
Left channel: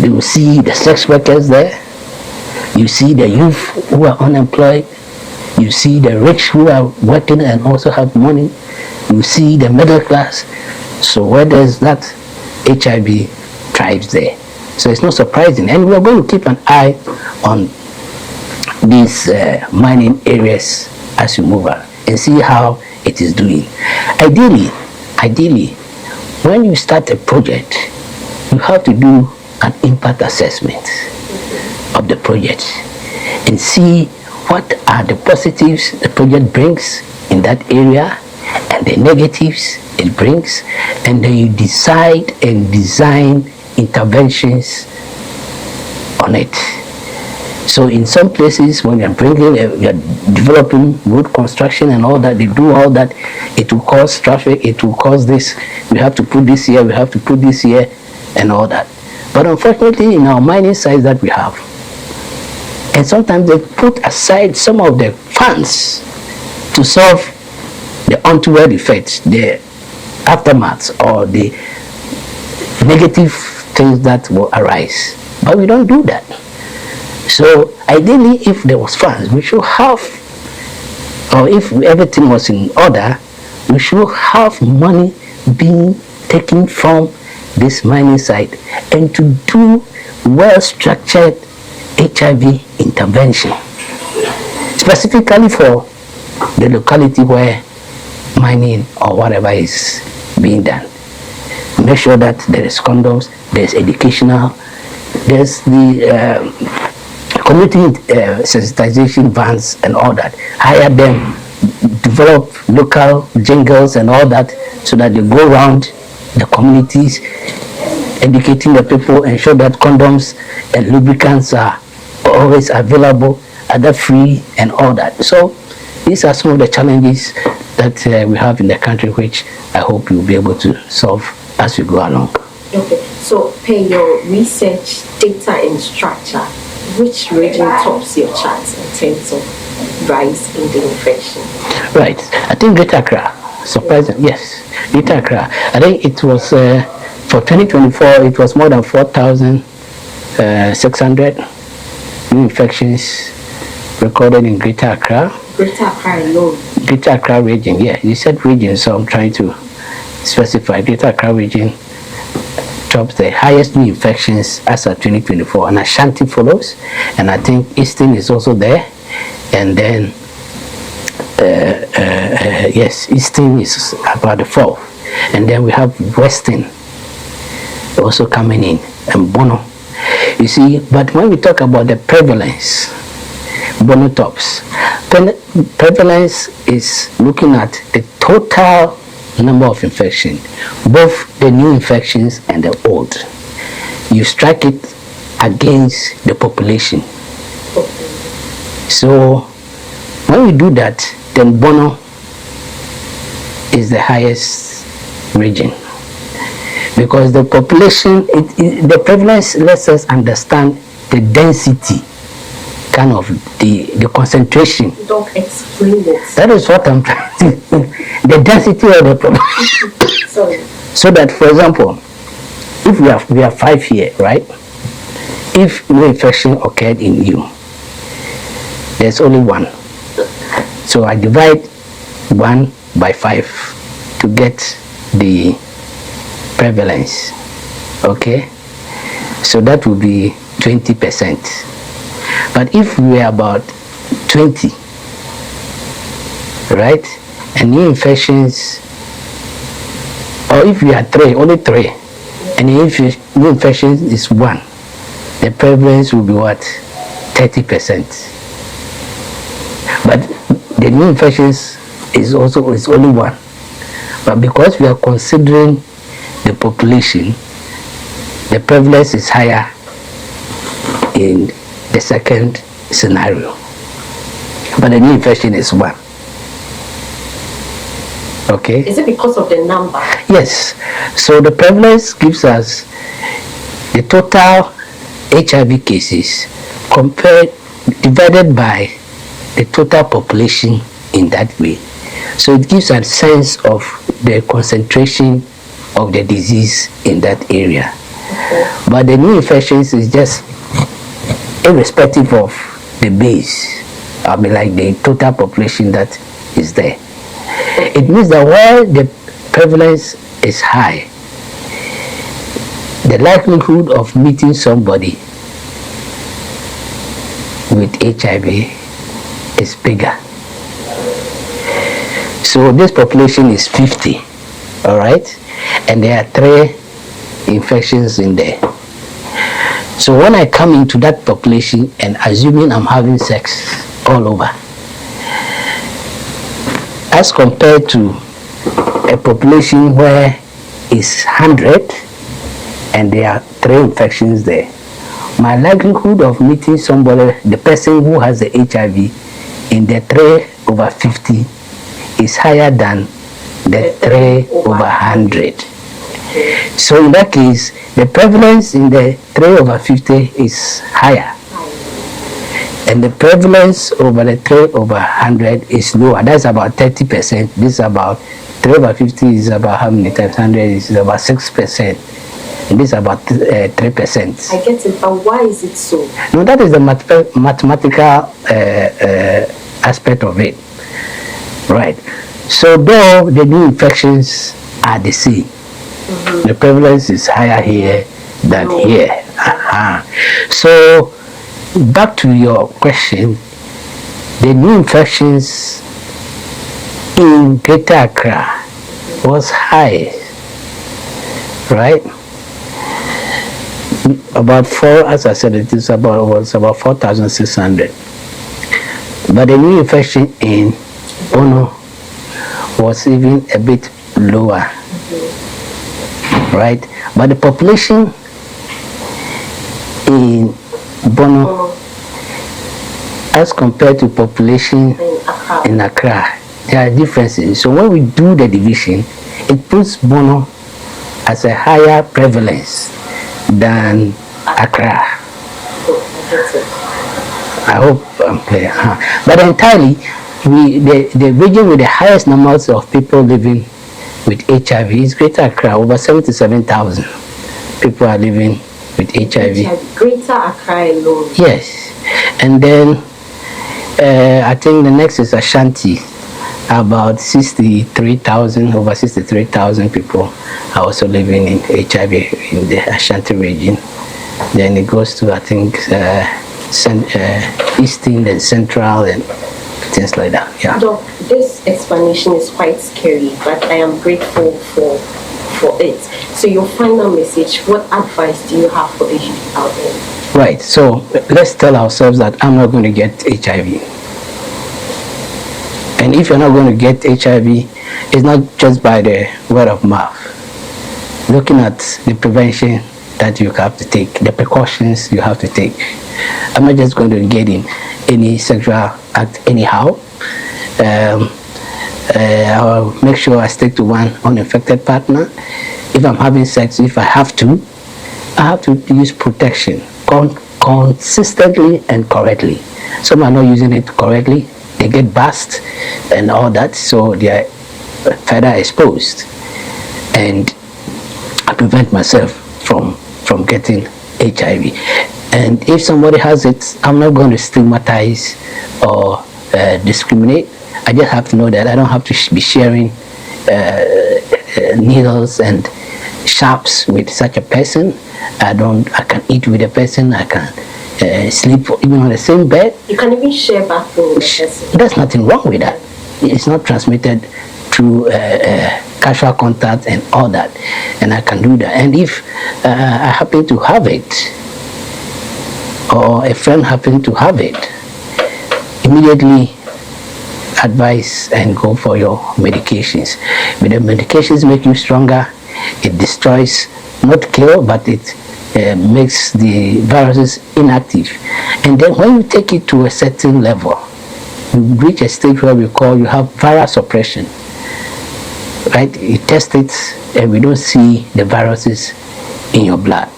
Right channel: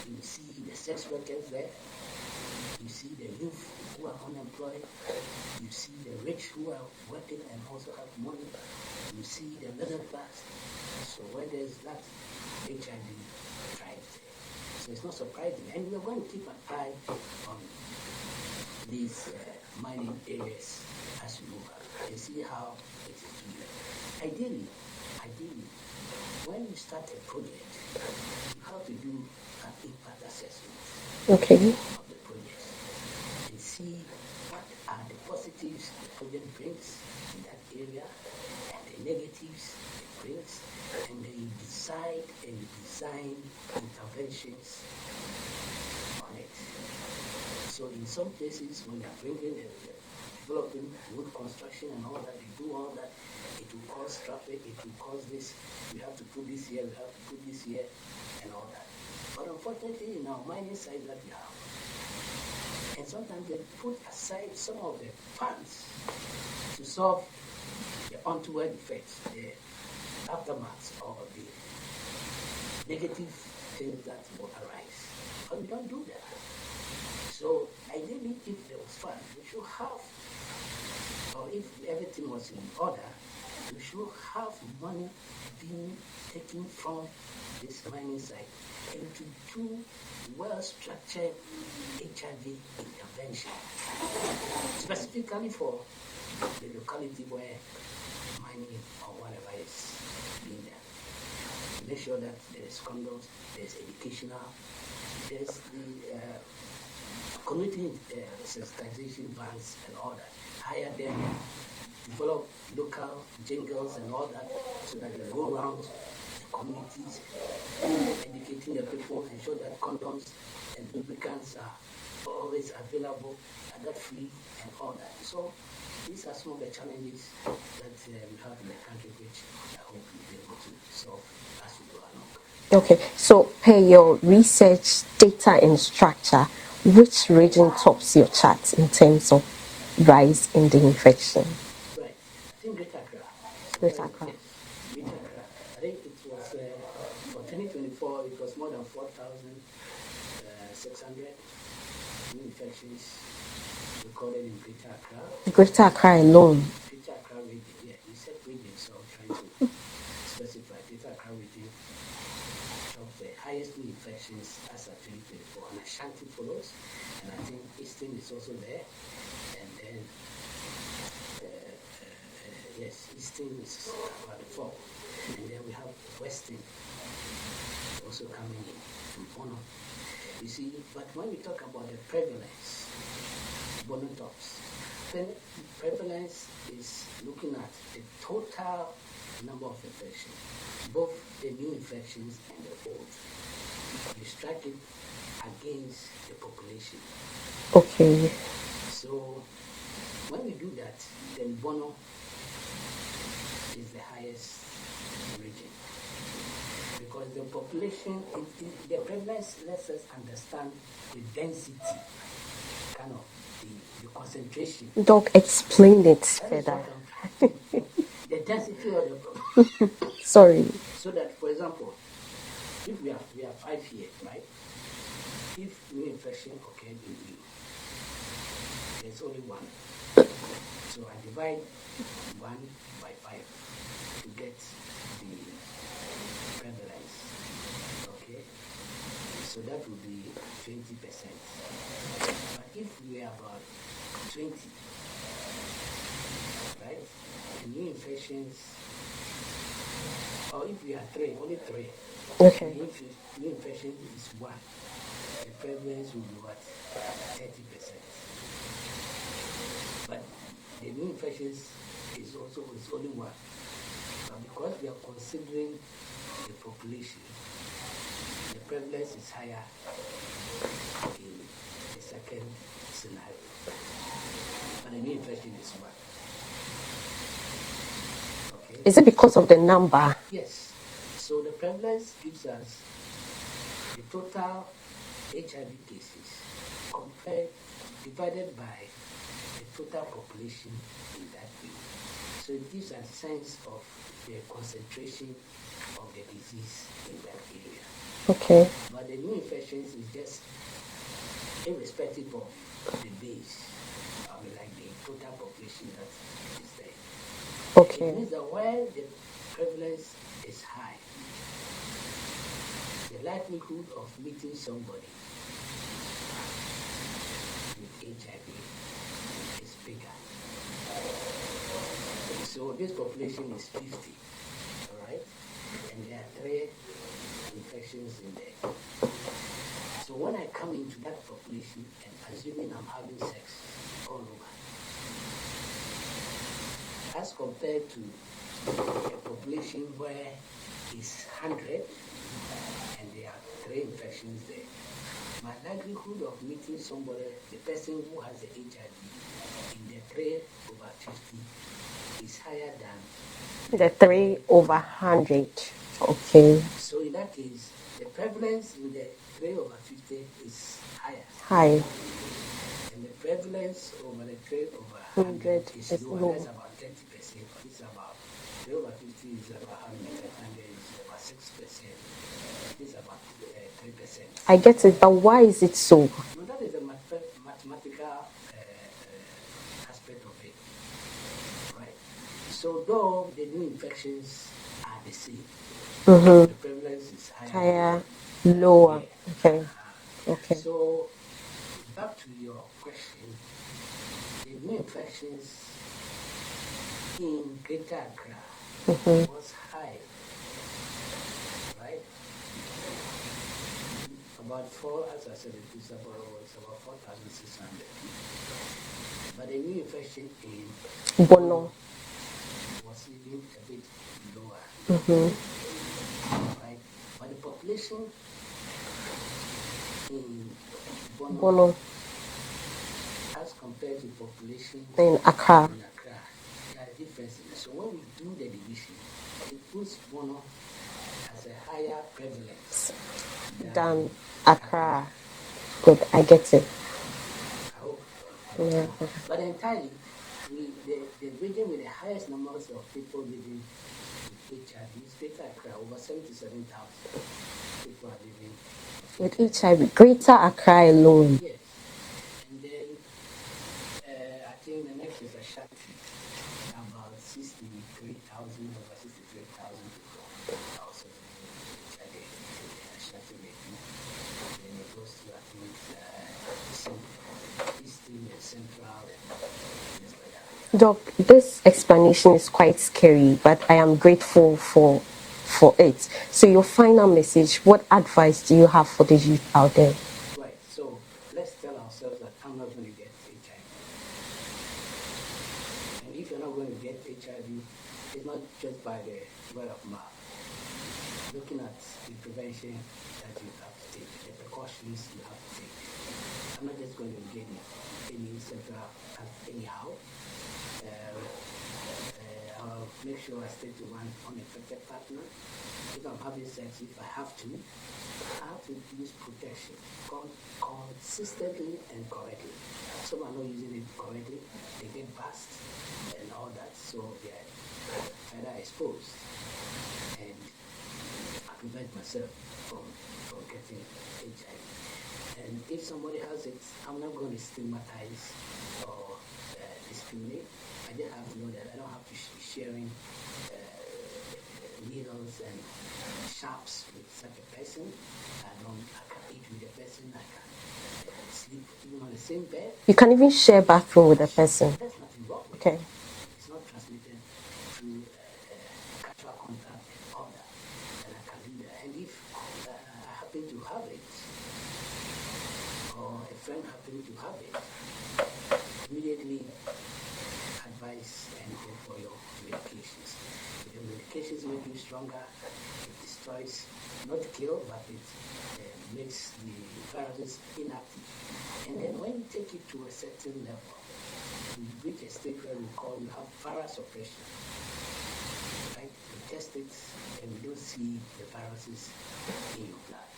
You will see the sex workers there. You see the youth who are unemployed. You see the rich who are working and also have money. You see the middle class. So where there's that, HIV thrives there. So it's not surprising. And we're going to keep an eye on these mining areas as we move on and see how it is doing. Ideally, when you start a project, you have to do an impact assessment of the project and see what are the positives the project brings in that area and the negatives it brings, and then you decide and design interventions on it. So in some places, when you're developing road construction and all that, they do all that, it will cause traffic, it will cause this, we have to put this here, we have to put this here, and all that. But unfortunately, in our mining sites that we have, and sometimes they put aside some of the funds to solve the untoward effects, the aftermaths, or the negative things that will arise. But we don't do that. So ideally, if there was funds, we should have, or if everything was in order, we should have money being taken from this mining site and to do well-structured HIV intervention, specifically for the locality where mining or whatever is being done. Make sure that there is condoms, there's educational, there's the community sensitization vans and all that. Hire them, develop local jingles and all that, so that they go around the communities, educating the people, ensure that condoms and lubricants are always available, other free and all that. So these are some of the challenges that we have in the country, which I hope you'll be able to solve as we go along. Okay, so per your research, data and structure, which region tops your charts in terms of rise in the infection? Right, I think Greater Accra, surprisingly, yes, Greater Accra. I think it was, for 2024, it was more than 4,600 new infections recorded in Greater Accra. Greater Accra alone? Greater Accra region, yeah, you said region, so I'm trying to specify. Greater Accra region tops the highest new infections as of 2024, and Ashanti follows, and I think Eastern is also there, and then yes, Eastern is about the fourth, and then we have Western also coming in, and Bono. You see, but when we talk about the prevalence, Bono tops. Prevalence is looking at the total number of infections, both the new infections and the old. You strike it against the population. Okay. So when we do that, then Bono is the highest region, because the population, the prevalence lets us understand the density, kind of the concentration. Don't explain it. That is what I'm trying to the density of the population. Sorry. So that, for example, if we have 5 here, right? If no infection occurred in you, there's only 1. So I divide 1 by 5 to get the prevalence. Okay? So that would be 20%. But if we are about 20, right? And new infections, or if we are 3, only 3, and if new infections is 1, the prevalence will be what? 30%. But the new infections is only 1. But because we are considering the population, the prevalence is higher in the second scenario. But the new infection is 1. Okay? Is it because of the number? Yes. So the prevalence gives us the total HIV cases divided by the total population in that way. So it gives a sense of the concentration of the disease in that area. Okay. But the new infections is just irrespective of the base, I mean, like the total population that is there. It means that while the prevalence is high, the likelihood of meeting somebody with HIV is bigger. So this population is 50, all right? And there are 3 infections in there. So when I come into that population and assuming I'm having sex all over, as compared to a population where it's 100 and there are 3 infections there, my likelihood of meeting somebody, the person who has the HIV, in the 3/50 is higher than the 3/100. Okay. So in that case, the prevalence in the 3/50 is higher. High. And the prevalence over the 3/100 is lower. That's about 30%. This is about 3/50 is about how many times 100 is about 6%. and this is about 3%. I get it, but why is it so? No, that is the mathematical aspect of it. Right. So though the new infections are the same, the prevalence is higher here than here. So back to your question, the new infections in Greater Accra was high, right? About as I said, it was about 4,600. But the new infection in Bono was even a bit lower, right? But the population in Bono, as compared to population in Accra, there are differences. So when we do the division, it puts Bono as a higher prevalence than Accra. I get it. I hope I'm clear. But entirely, the region with the highest numbers of people living with HIV is Greater Accra. Over 77,000 people are living with HIV. Greater Accra alone. Yes. And then I think the next is Ashanti. About 63,000, over 63,000 people are also living in HIV in the Ashanti region. Then it goes to, I think, Eastern and Central and things like that. Yeah. Doc, this explanation is quite scary, but I am grateful for it. So your final message, what advice do you have for the youth out there? Right. So let's tell ourselves that I'm not going to get HIV. And if you're not going to get HIV, it's not just by the word of mouth. Looking at the prevention that you have to take, the precautions you have to take. I'm not just going to get in any sexual act anyhow. I'll make sure I stick to one uninfected partner. If I'm having sex, if I have to use protection consistently and correctly. Some are not using it correctly. They get burst and all that, so they are further exposed. And I prevent myself from getting HIV. And if somebody has it, I'm not going to stigmatize or discriminate. I just have to know that I don't have to be sharing needles and sharps with such a person. I can eat with a person. I can sleep even on the same bed. You can even share bathroom with a person. There's nothing wrong with that. It's not transmitted through casual contact and all that, and I can do that. And if I happen to have it, or a friend happen to have it, immediately advise and go for your medications. But the medications make you stronger. It destroys, not kill, but it makes the viruses inactive. And then when you take it to a certain level, you reach a stage where we call you have viral suppression. Right? You test it and we don't see the viruses in your blood.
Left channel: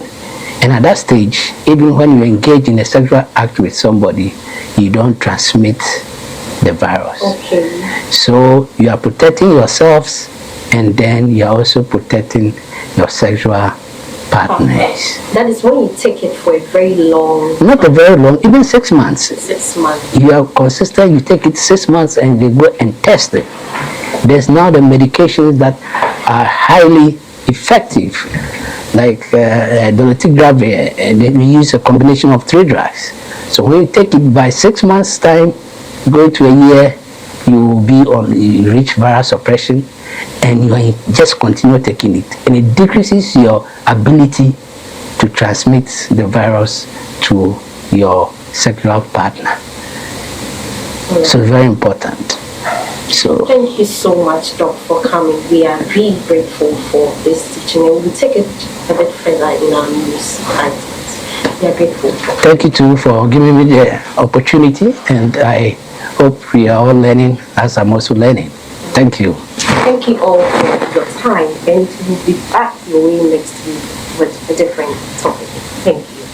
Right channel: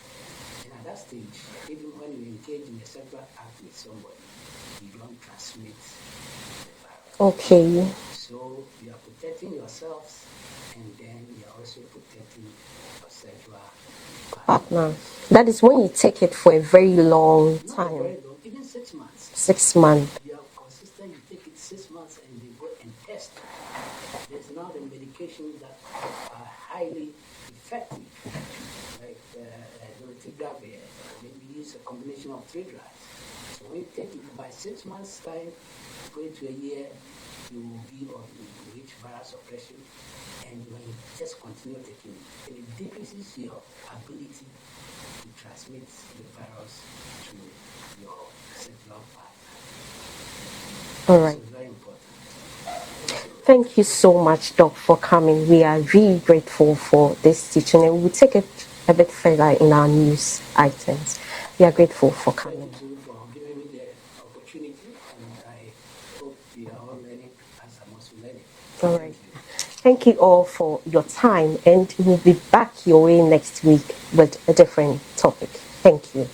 And at that stage, even when you engage in a sexual act with somebody, you don't transmit the virus. Okay. So you are protecting yourselves, and then you are also protecting your sexual partners. That is when you take it for a very long... Not a very long, even 6 months. 6 months. You are consistent, you take it 6 months and you go and test it. There's now the medications that are highly effective, like dolutegravir, and then we use a combination of 3 drugs. So when you take it by 6 months' time, go to a year, you will be on reach viral suppression, and you just continue taking it. And it decreases your ability to transmit the virus to your sexual partner. So it's very important. So thank you so much, Doc, for coming. We are really grateful for this teaching, and we'll take it a bit further in our news items. We are grateful. Thank you too for giving me the opportunity, and I hope we are all learning as I'm also learning. Thank you. Thank you all for your time, and we'll be back your way next week with a different topic. Thank you.